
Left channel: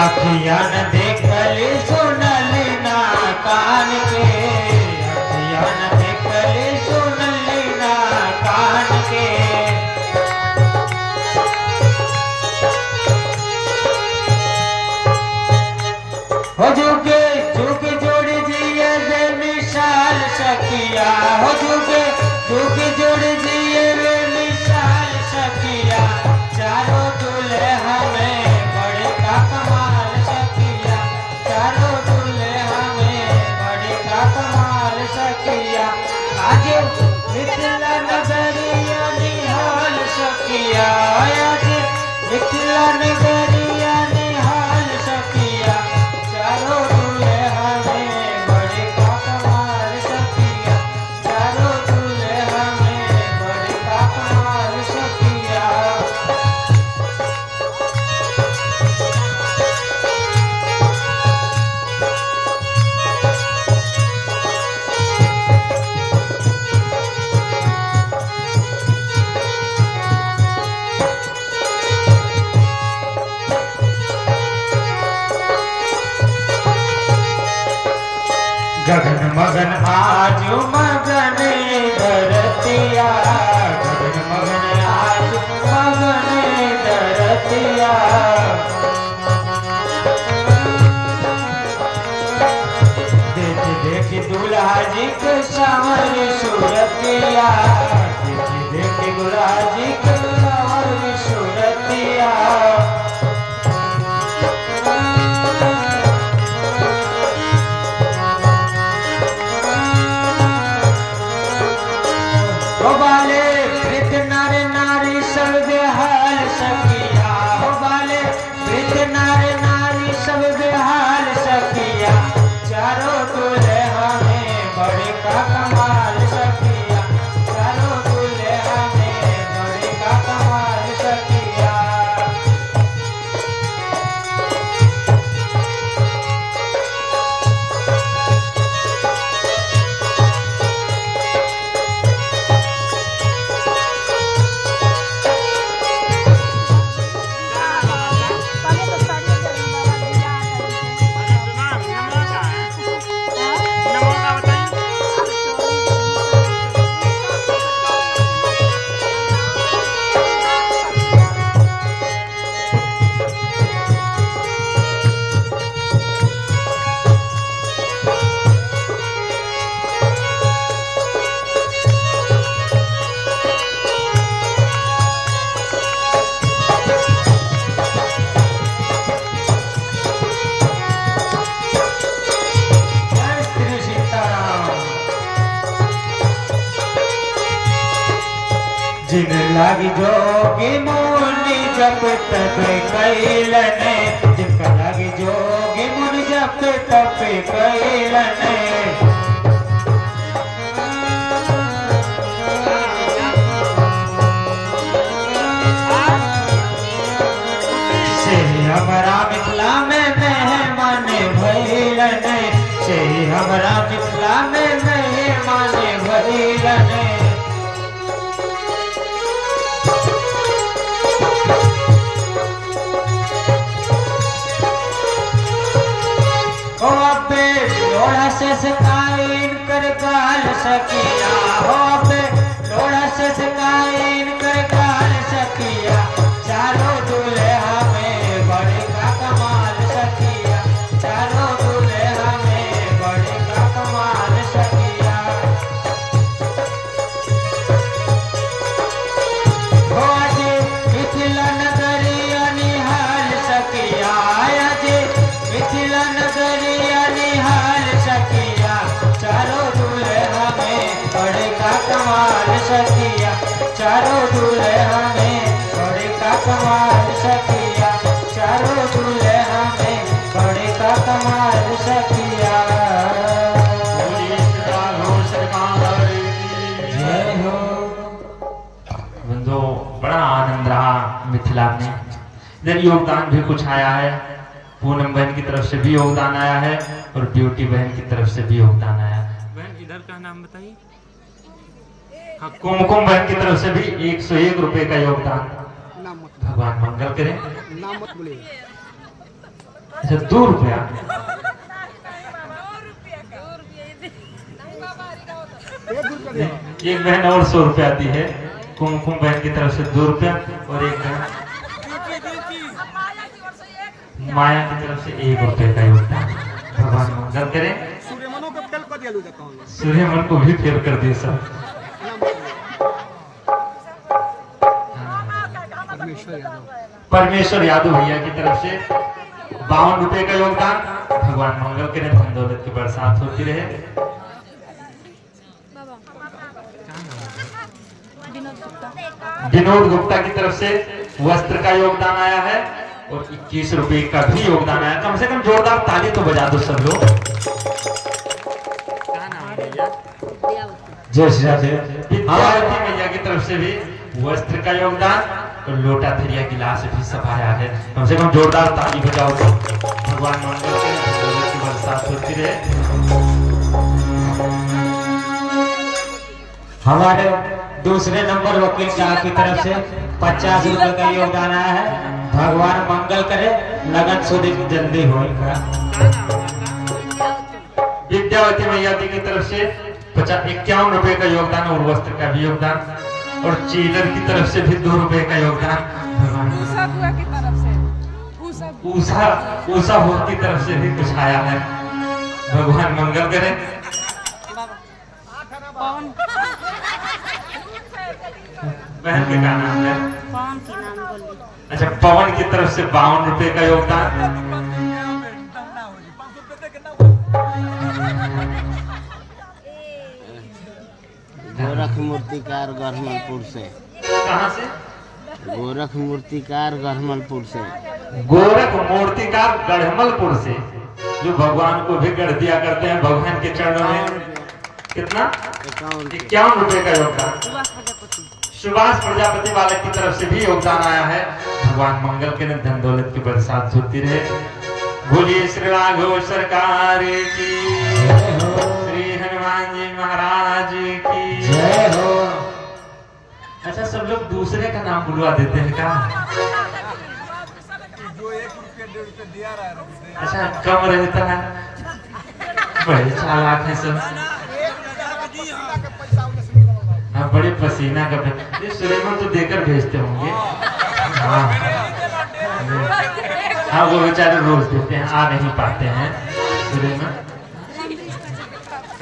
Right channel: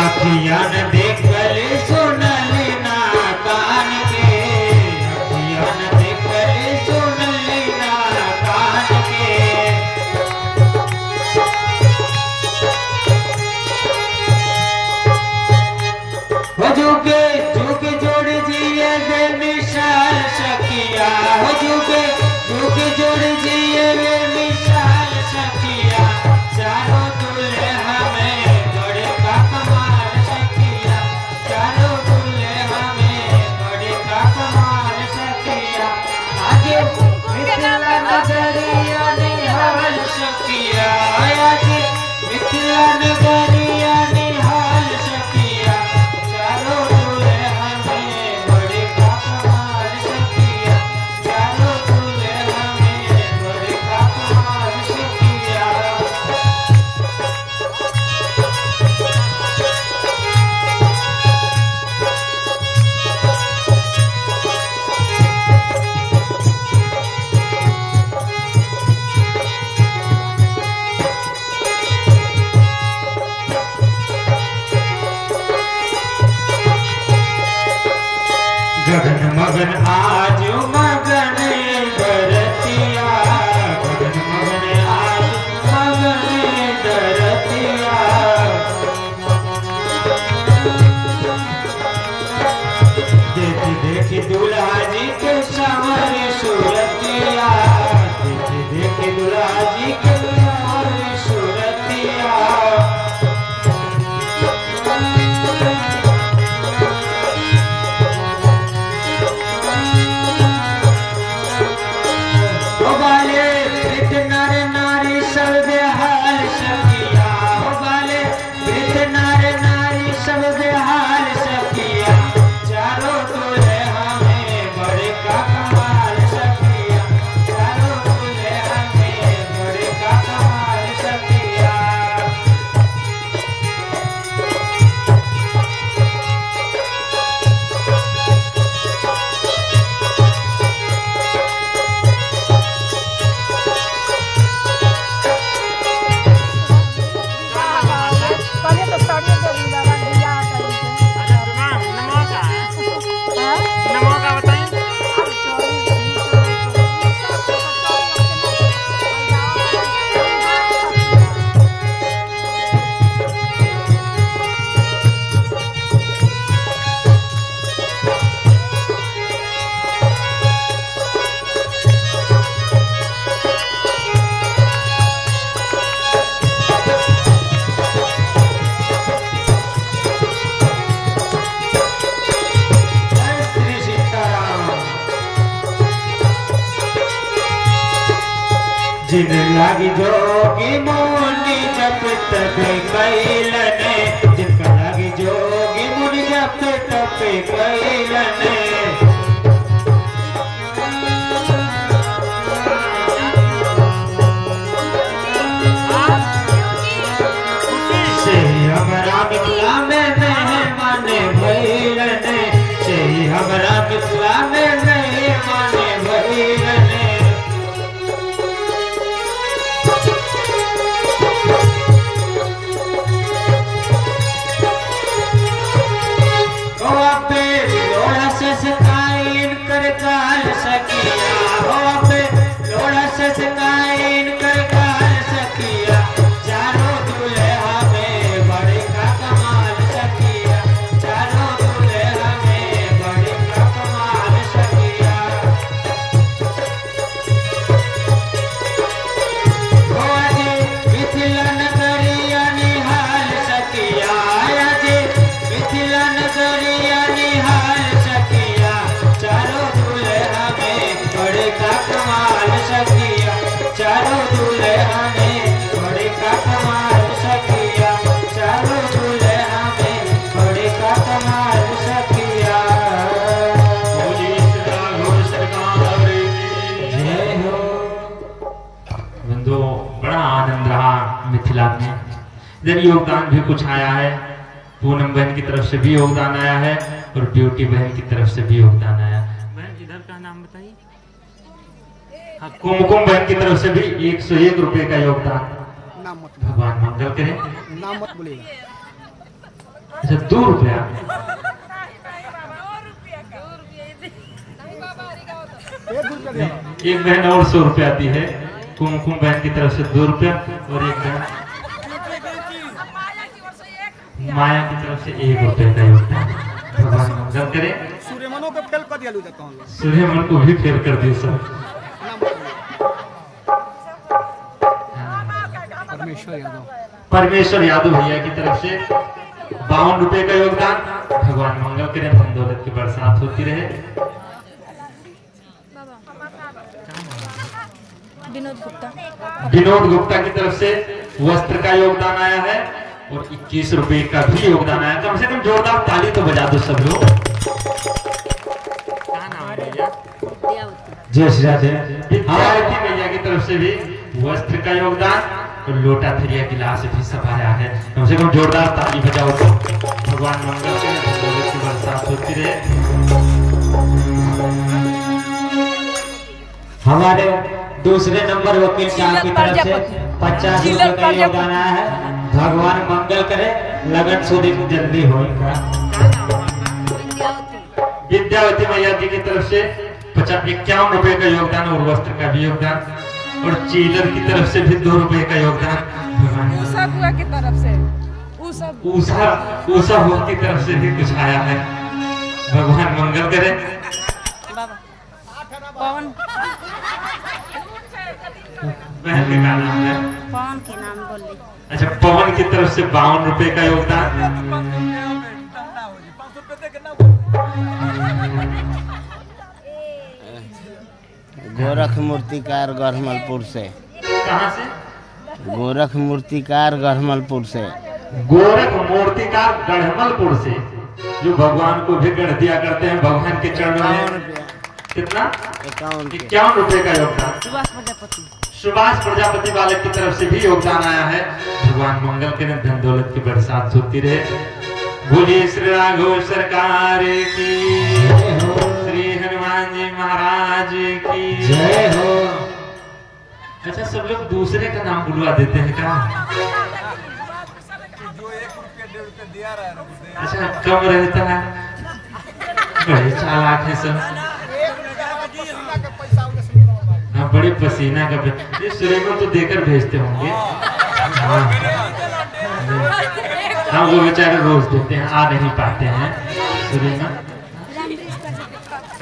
अखिया न देखल सुनल ना कान के अखिया न देखल सुनल ना कान के हो जुगे जुग जोड़ जिए वे मिसाल सखिया हो जुगे जुग जोड़ जिए वे मिसाल सखिया चारों दुल्हा में बड़े का कमाल सखिया चारों दुल्हा में बड़े का कमाल सखिया आज मिथिला नगरिया निहाल सखिया आज मिथिला नगरिया निहाल सखिया चारों दुल्हा में बड़े का कमाल सखिया चारों दुल्हा में बड़े का कमाल सखिया गगन मगन आज मगन धरतिया गगन मगन आज मगन धरतिया देखी देखी दूल्हा जी के सामने सूरतिया देखी देखी दूल्हा जी के सामने सूरतिया हो बाले वृद्ध नर नारी सब बेहाल सखिया हो बाले वृद्ध नर नारी सब बेहाल सखिया चारों दुल्हा में बड़े का कमाल सखिया चारों दुल्हा में बड़े का कमाल सखिया जिन लागी जोगी मुनि जप तप कैलने, जिनका लागी जोगी मुनि जप तप कैलने। से हमारा मिथिला में मेहमान भइलने, से हमारा मिथिला में मेहमान भइलने। सकाइन कर गाल सकिया, हो पे लोड़ा से सकाइन कर गाल सकिया। चारों दुल्हा में बड़े का कमाल सकिया, चारों दुल्हा में बड़े का कमाल सकिया। हो अजे मिथिला नगरिया निहाल सकिया, अजे मिथिला नगरिया निहाल सकिया। चारों दुल्हा में बड़े का कमाल सकिया, चारों दुल्हा में बड़े का कमाल सकिया, चारों दुल्हा में बड़े का कमाल सकिया। जय हो। बंधु, बड़ा आनंद रहा मिथिला में। इधर योगदान भी कुछ आया है, पूनम बहन की तरफ से भी योगदान आया है और ब्यूटी बहन की तरफ से भी योगदान आया। बहन इधर का नाम बताइए। हाँ, कुमकुम बहन की तरफ से भी 101 रुपए का योगदान। भगवान मंगल करे। अच्छा, 2 रुपया। एक बहन और 100 रुपया दी है। कुमकुम बहन की तरफ से 2 रुपया और एक बहन माया की तरफ से 1 रुपए का योगदान। भगवान मंगल करे। सूर्यमन को भी फेल कर दिए सब। परमेश्वर यादव भैया की तरफ से 52 रुपए का योगदान। भगवान मंगल करे, धन दौलत की बरसात होती रहे। विनोद गुप्ता की तरफ से वस्त्र का योगदान आया है और 21 रुपए का भी योगदान आया। कम से कम जोरदार ताली तो बजा दो सब लोग। जय श्री राधे। विद्यार्थी भैया की तरफ से भी वस्त्र का योगदान और लोटा थरिया गिलास भी सब आया है। कम से कम जोरदार ताली बजाओ तो भगवान मंगल की बरसात होती रहे। हमारे दूसरे नंबर वकील साहब की तरफ से 50 रुपए का योगदान आया है। भगवान मंगल करे, लगन शुद्धि जल्दी होगा। विद्यावती मैया जी की तरफ से 51 रुपए का योगदान और वस्त्र का भी योगदान और चीलर की तरफ से भी 2 रुपए का योगदान। की तरफ से ऊषा भोग की तरफ से भी कुछ आया है। भगवान मंगल करे। पवन बहन के क्या नाम है? पवन के नाम बोलिए। अच्छा, पवन की तरफ से 52 रुपए का योगदान। गोरख मूर्तिकार गढ़मलपुर से। कहाँ से? गोरख मूर्तिकार गढ़मलपुर से। गोरख मूर्तिकार गढ़मलपुर से, जो भगवान को भी गढ़ दिया करते हैं भगवान के चरणों में। कितना? 51 रुपए का योगदान। सुभाष प्रजापति बालक की तरफ से भी योगदान आया है। भगवान मंगल के ने धन दौलत की बरसात होती रहे। बोलिए श्री राघव सरकार की, श्री हनुमान जी महाराज की जय हो। अच्छा, सब लोग दूसरे का नाम बुलवा देते हैं क्या? अच्छा, कम रहता है। बड़े चालाक है सब। हाँ, बड़े पसीना का ये सुलेमान तो देकर भेजते होंगे। हाँ, वो बेचारे रोज देते हैं, आ नहीं पाते हैं सुलेमान।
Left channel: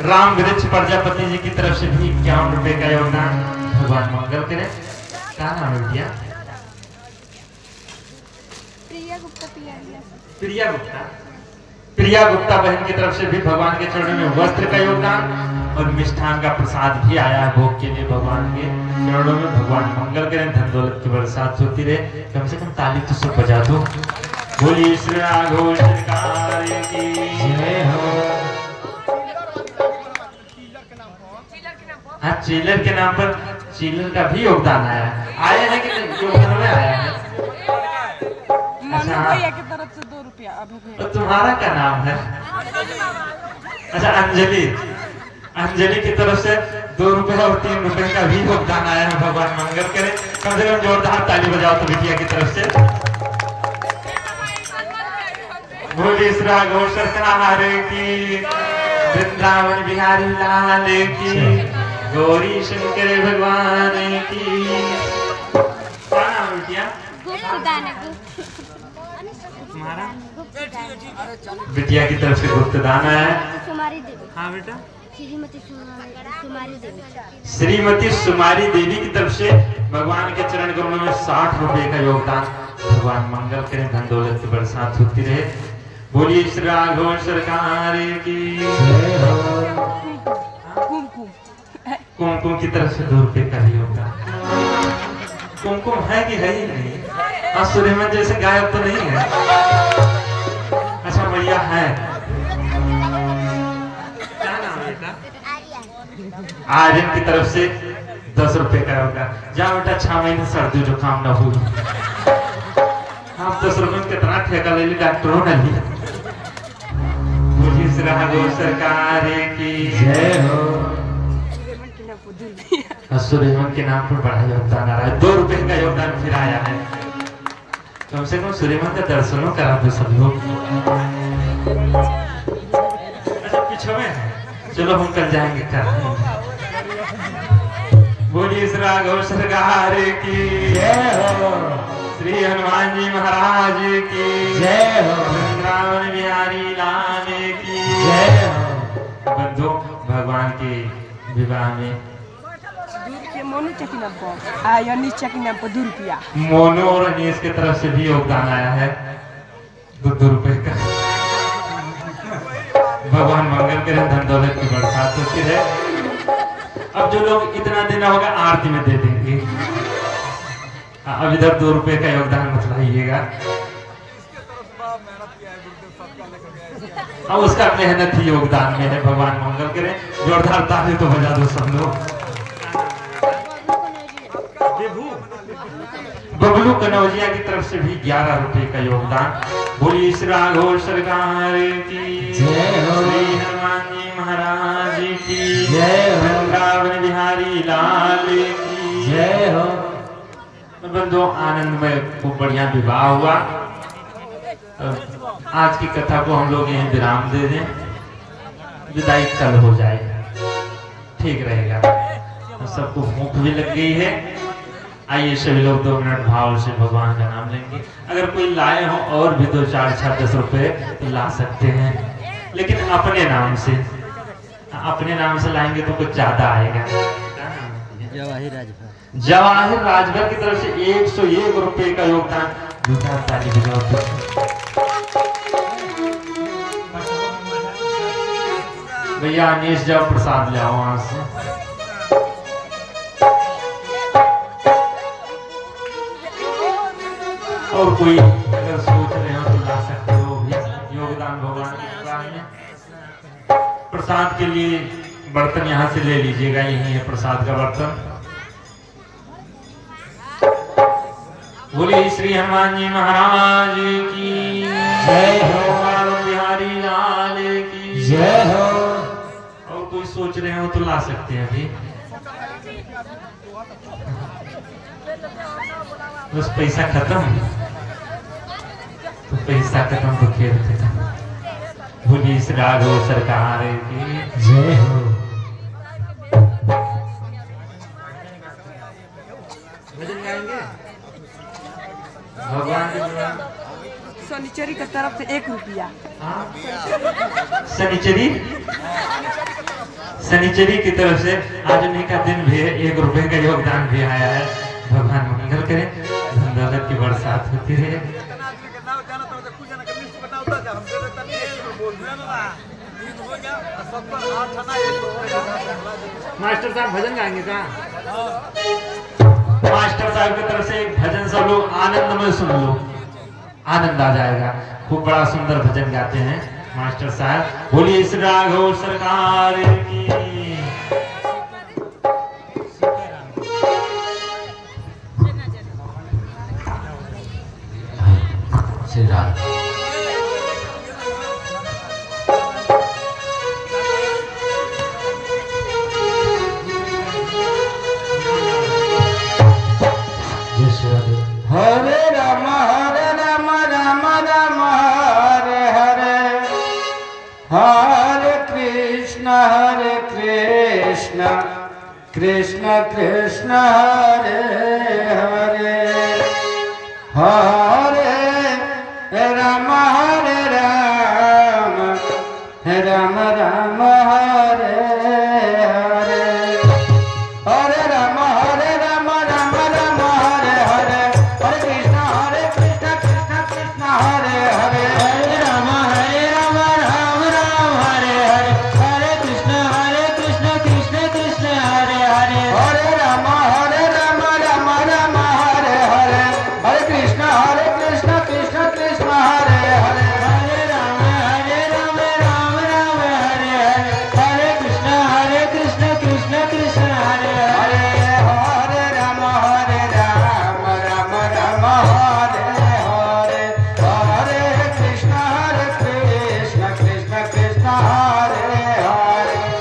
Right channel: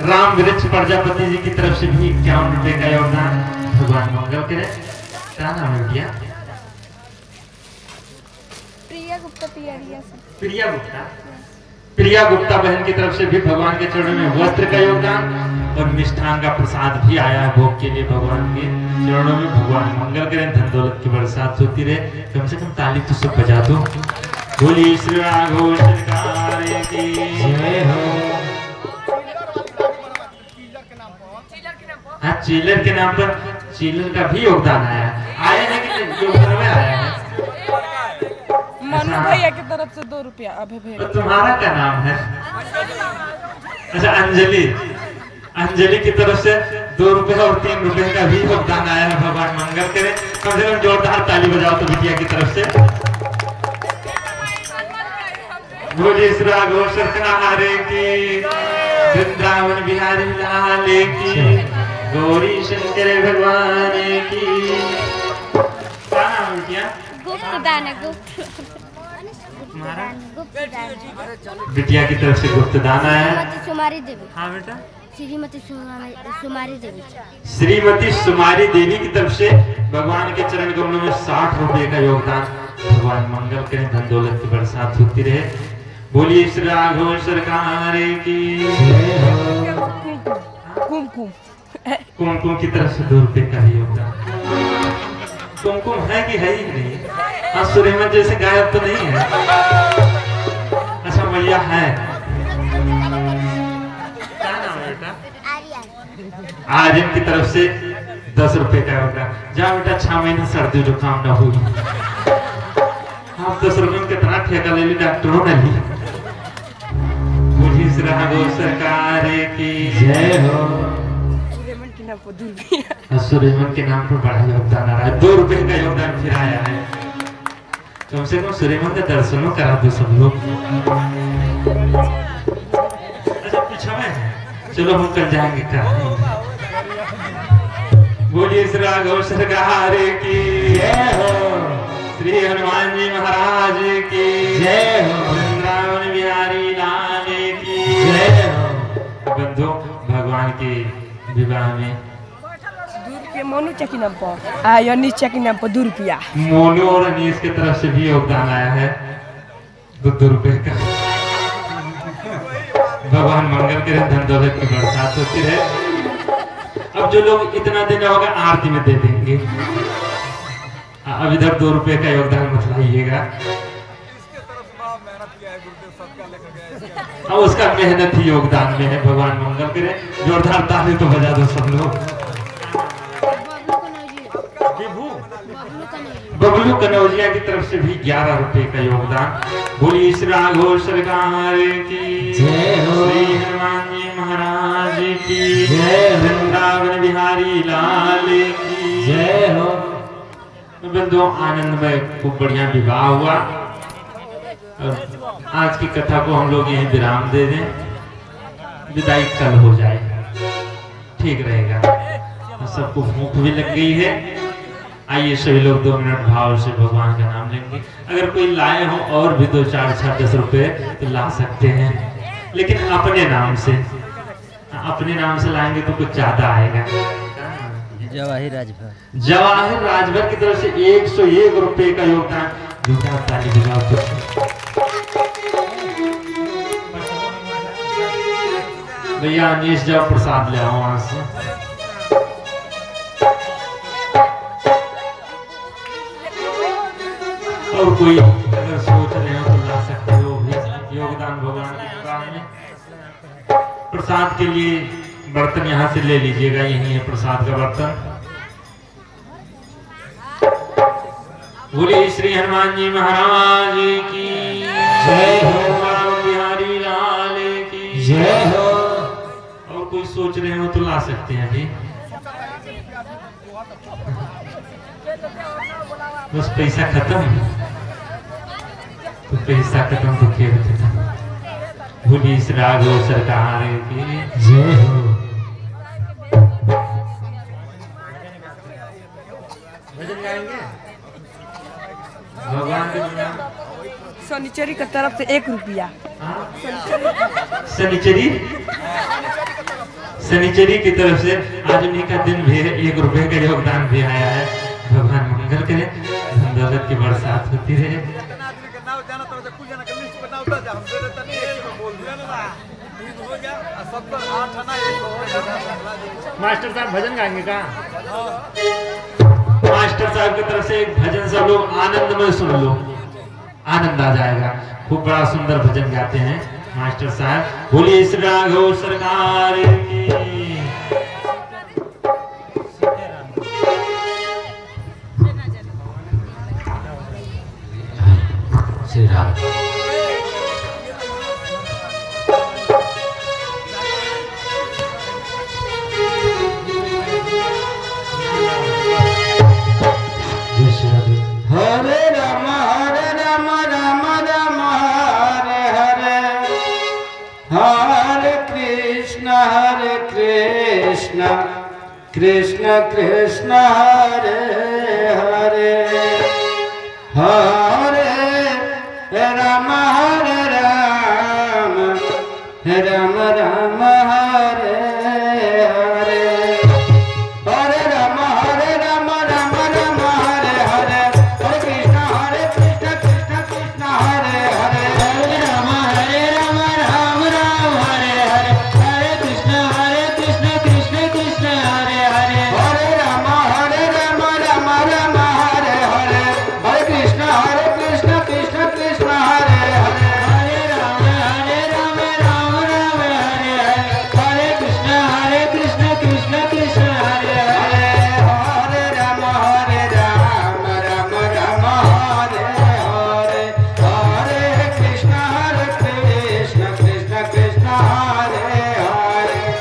राम वृक्ष प्रजापति जी की तरफ से भी 51 रुपए का योगदान। भगवान मंगल करे। क्या नाम है भैया? प्रिया गुप्ता। प्रिया गुप्ता बहन की तरफ से भी भगवान के चरणों में वस्त्र का योगदान। और मिष्ठान का प्रसाद भी आया है भोग के लिए भगवान के चरणों में। भगवान मंगल करें, धन दौलत की बरसात होती रहे। कम से कम ताली तो सब बजा दो। बोलिए श्री राघव सरकार की जय हो। हाँ, चीलर के नाम पर चीलर का भी योगदान आया है कि योगदान में आया है। मनु भैया की तरफ से 2 रुपया। अभय तो भैया तुम्हारा क्या नाम है? अच्छा, अंजलि। अंजलि की तरफ से 2 रुपए और 3 रुपए का भी योगदान आया है। भगवान मंगल करे। कम से कम जोरदार ताली बजाओ तो बिटिया की तरफ से। बोलिए श्री राघव सरकार की, वृंदावन बिहारी लाल की, गौरी शंकर भगवान की। क्या नाम है बिटिया तुम्हारा? बिटिया की तरफ से गुप्तदान आया है। हाँ बेटा, श्रीमती सुमारी देवी। श्रीमती सुमारी देवी की तरफ से भगवान के चरण कमलों में 60 रुपए का योगदान। भगवान मंगल करें, धन दौलत की बरसात होती रहे। बोलिए श्री राघव सरकार की जय हो। कुमकुम की तरफ से 2 रुपए का योगदान। कुमकुम है कि है ही नहीं? हाँ, सूर्यमन जैसे गायब तो नहीं है। अच्छा, भैया है। क्या नाम है बेटा? आर्यन की तरफ से 10 रुपए का होगा। जाओ बेटा, 6 महीने सर्दी जुकाम न हुई। आप 10 रुपए में कितना ठेका ले ली डॉक्टरों ने ली। मुझे राघव सरकार की जय हो। सूर्यमन के नाम पर बड़ा योगदान आ रहा है। 2 रुपए का योगदान फिर आया है। कम से कम सूर्यमन का दर्शनों करा दो सब लोग। अच्छा, पीछे में है, चलो हम कल जाएंगे क्या। बोलिए श्री राघव सरकार की जय हो। श्री हनुमान जी महाराज की जय हो। वृंदावन बिहारी लाल की जय हो। बंधु, भगवान के विवाह में मोनू चकी नाम पर अनीस चकी नाम पर 2 रुपया। मोनू और अनीस की तरफ से भी योगदान आया है 2 रुपए का। भगवान मंगल करें, धन दौलत की बरसात होती है। अब जो लोग इतना देना होगा आरती में दे देंगे। अब इधर 2 रुपए का योगदान मत लाइएगा। अब उसका मेहनत ही योगदान में है। भगवान मंगल करें, जोरदार ताली तो बजा दो सब लोग। बबलू कनौजिया की तरफ से भी 11 रुपए का योगदान। बोलिए श्री राघव सरकार की जय हो। श्री हनुमान जी महाराज की जय हो। वृंदावन बिहारी लाल की जय हो। बंधुओं, आनंद में खूब बढ़िया विवाह हुआ। आज की कथा को हम लोग यहीं विराम दे दें। विदाई कल हो जाए, ठीक रहेगा। सबको भूख भी लग गई है। आइए सभी लोग 2 मिनट भाव से भगवान का नाम लेंगे। अगर कोई लाए हो और भी 2, 4, 6, 10 रुपए तो ला सकते हैं, लेकिन अपने नाम से। अपने नाम से लाएंगे तो कुछ ज्यादा आएगा। जवाहिर राजभर। जवाहिर राजभर की तरफ से 101 रुपए का योगदान। दूसरा ताली बजाओ। भैया अनीश जाओ, प्रसाद ले आओ वहां से। और कोई अगर सोच रहे हो तो ला सकते हो भी योगदान भगवान की कृपा में। प्रसाद के लिए बर्तन यहाँ से ले लीजिएगा, यही है प्रसाद का बर्तन। बोलिए श्री हनुमान जी महाराज की जय हो। बिहारी लाल की जय हो। और कोई सोच रहे हो तो ला सकते हैं अभी। बस पैसा खत्म तो पैसा खत्म तो खेल खत्म। बोलिए श्री राघव सरकार की जय हो। भजन गाएंगे भगवान के। शनिचरी की तरफ से 1 रुपया। शनिचरी की तरफ से आज उन्हीं का दिन भी है। 1 रुपए का योगदान भी आया है। भगवान मंगल करे, धन दौलत की बरसात होती रहे। मास्टर साहब भजन गाएंगे का? मास्टर साहब की तरफ से एक भजन सब लोग आनंद में सुन लो, आनंद आ जाएगा। खूब बड़ा सुंदर भजन गाते हैं मास्टर साहब। बोलिए श्री राघव सरकार की। श्री राघव। हरे राम राम राम हरे हरे, हरे कृष्ण कृष्ण कृष्ण हरे हरे, हरे राम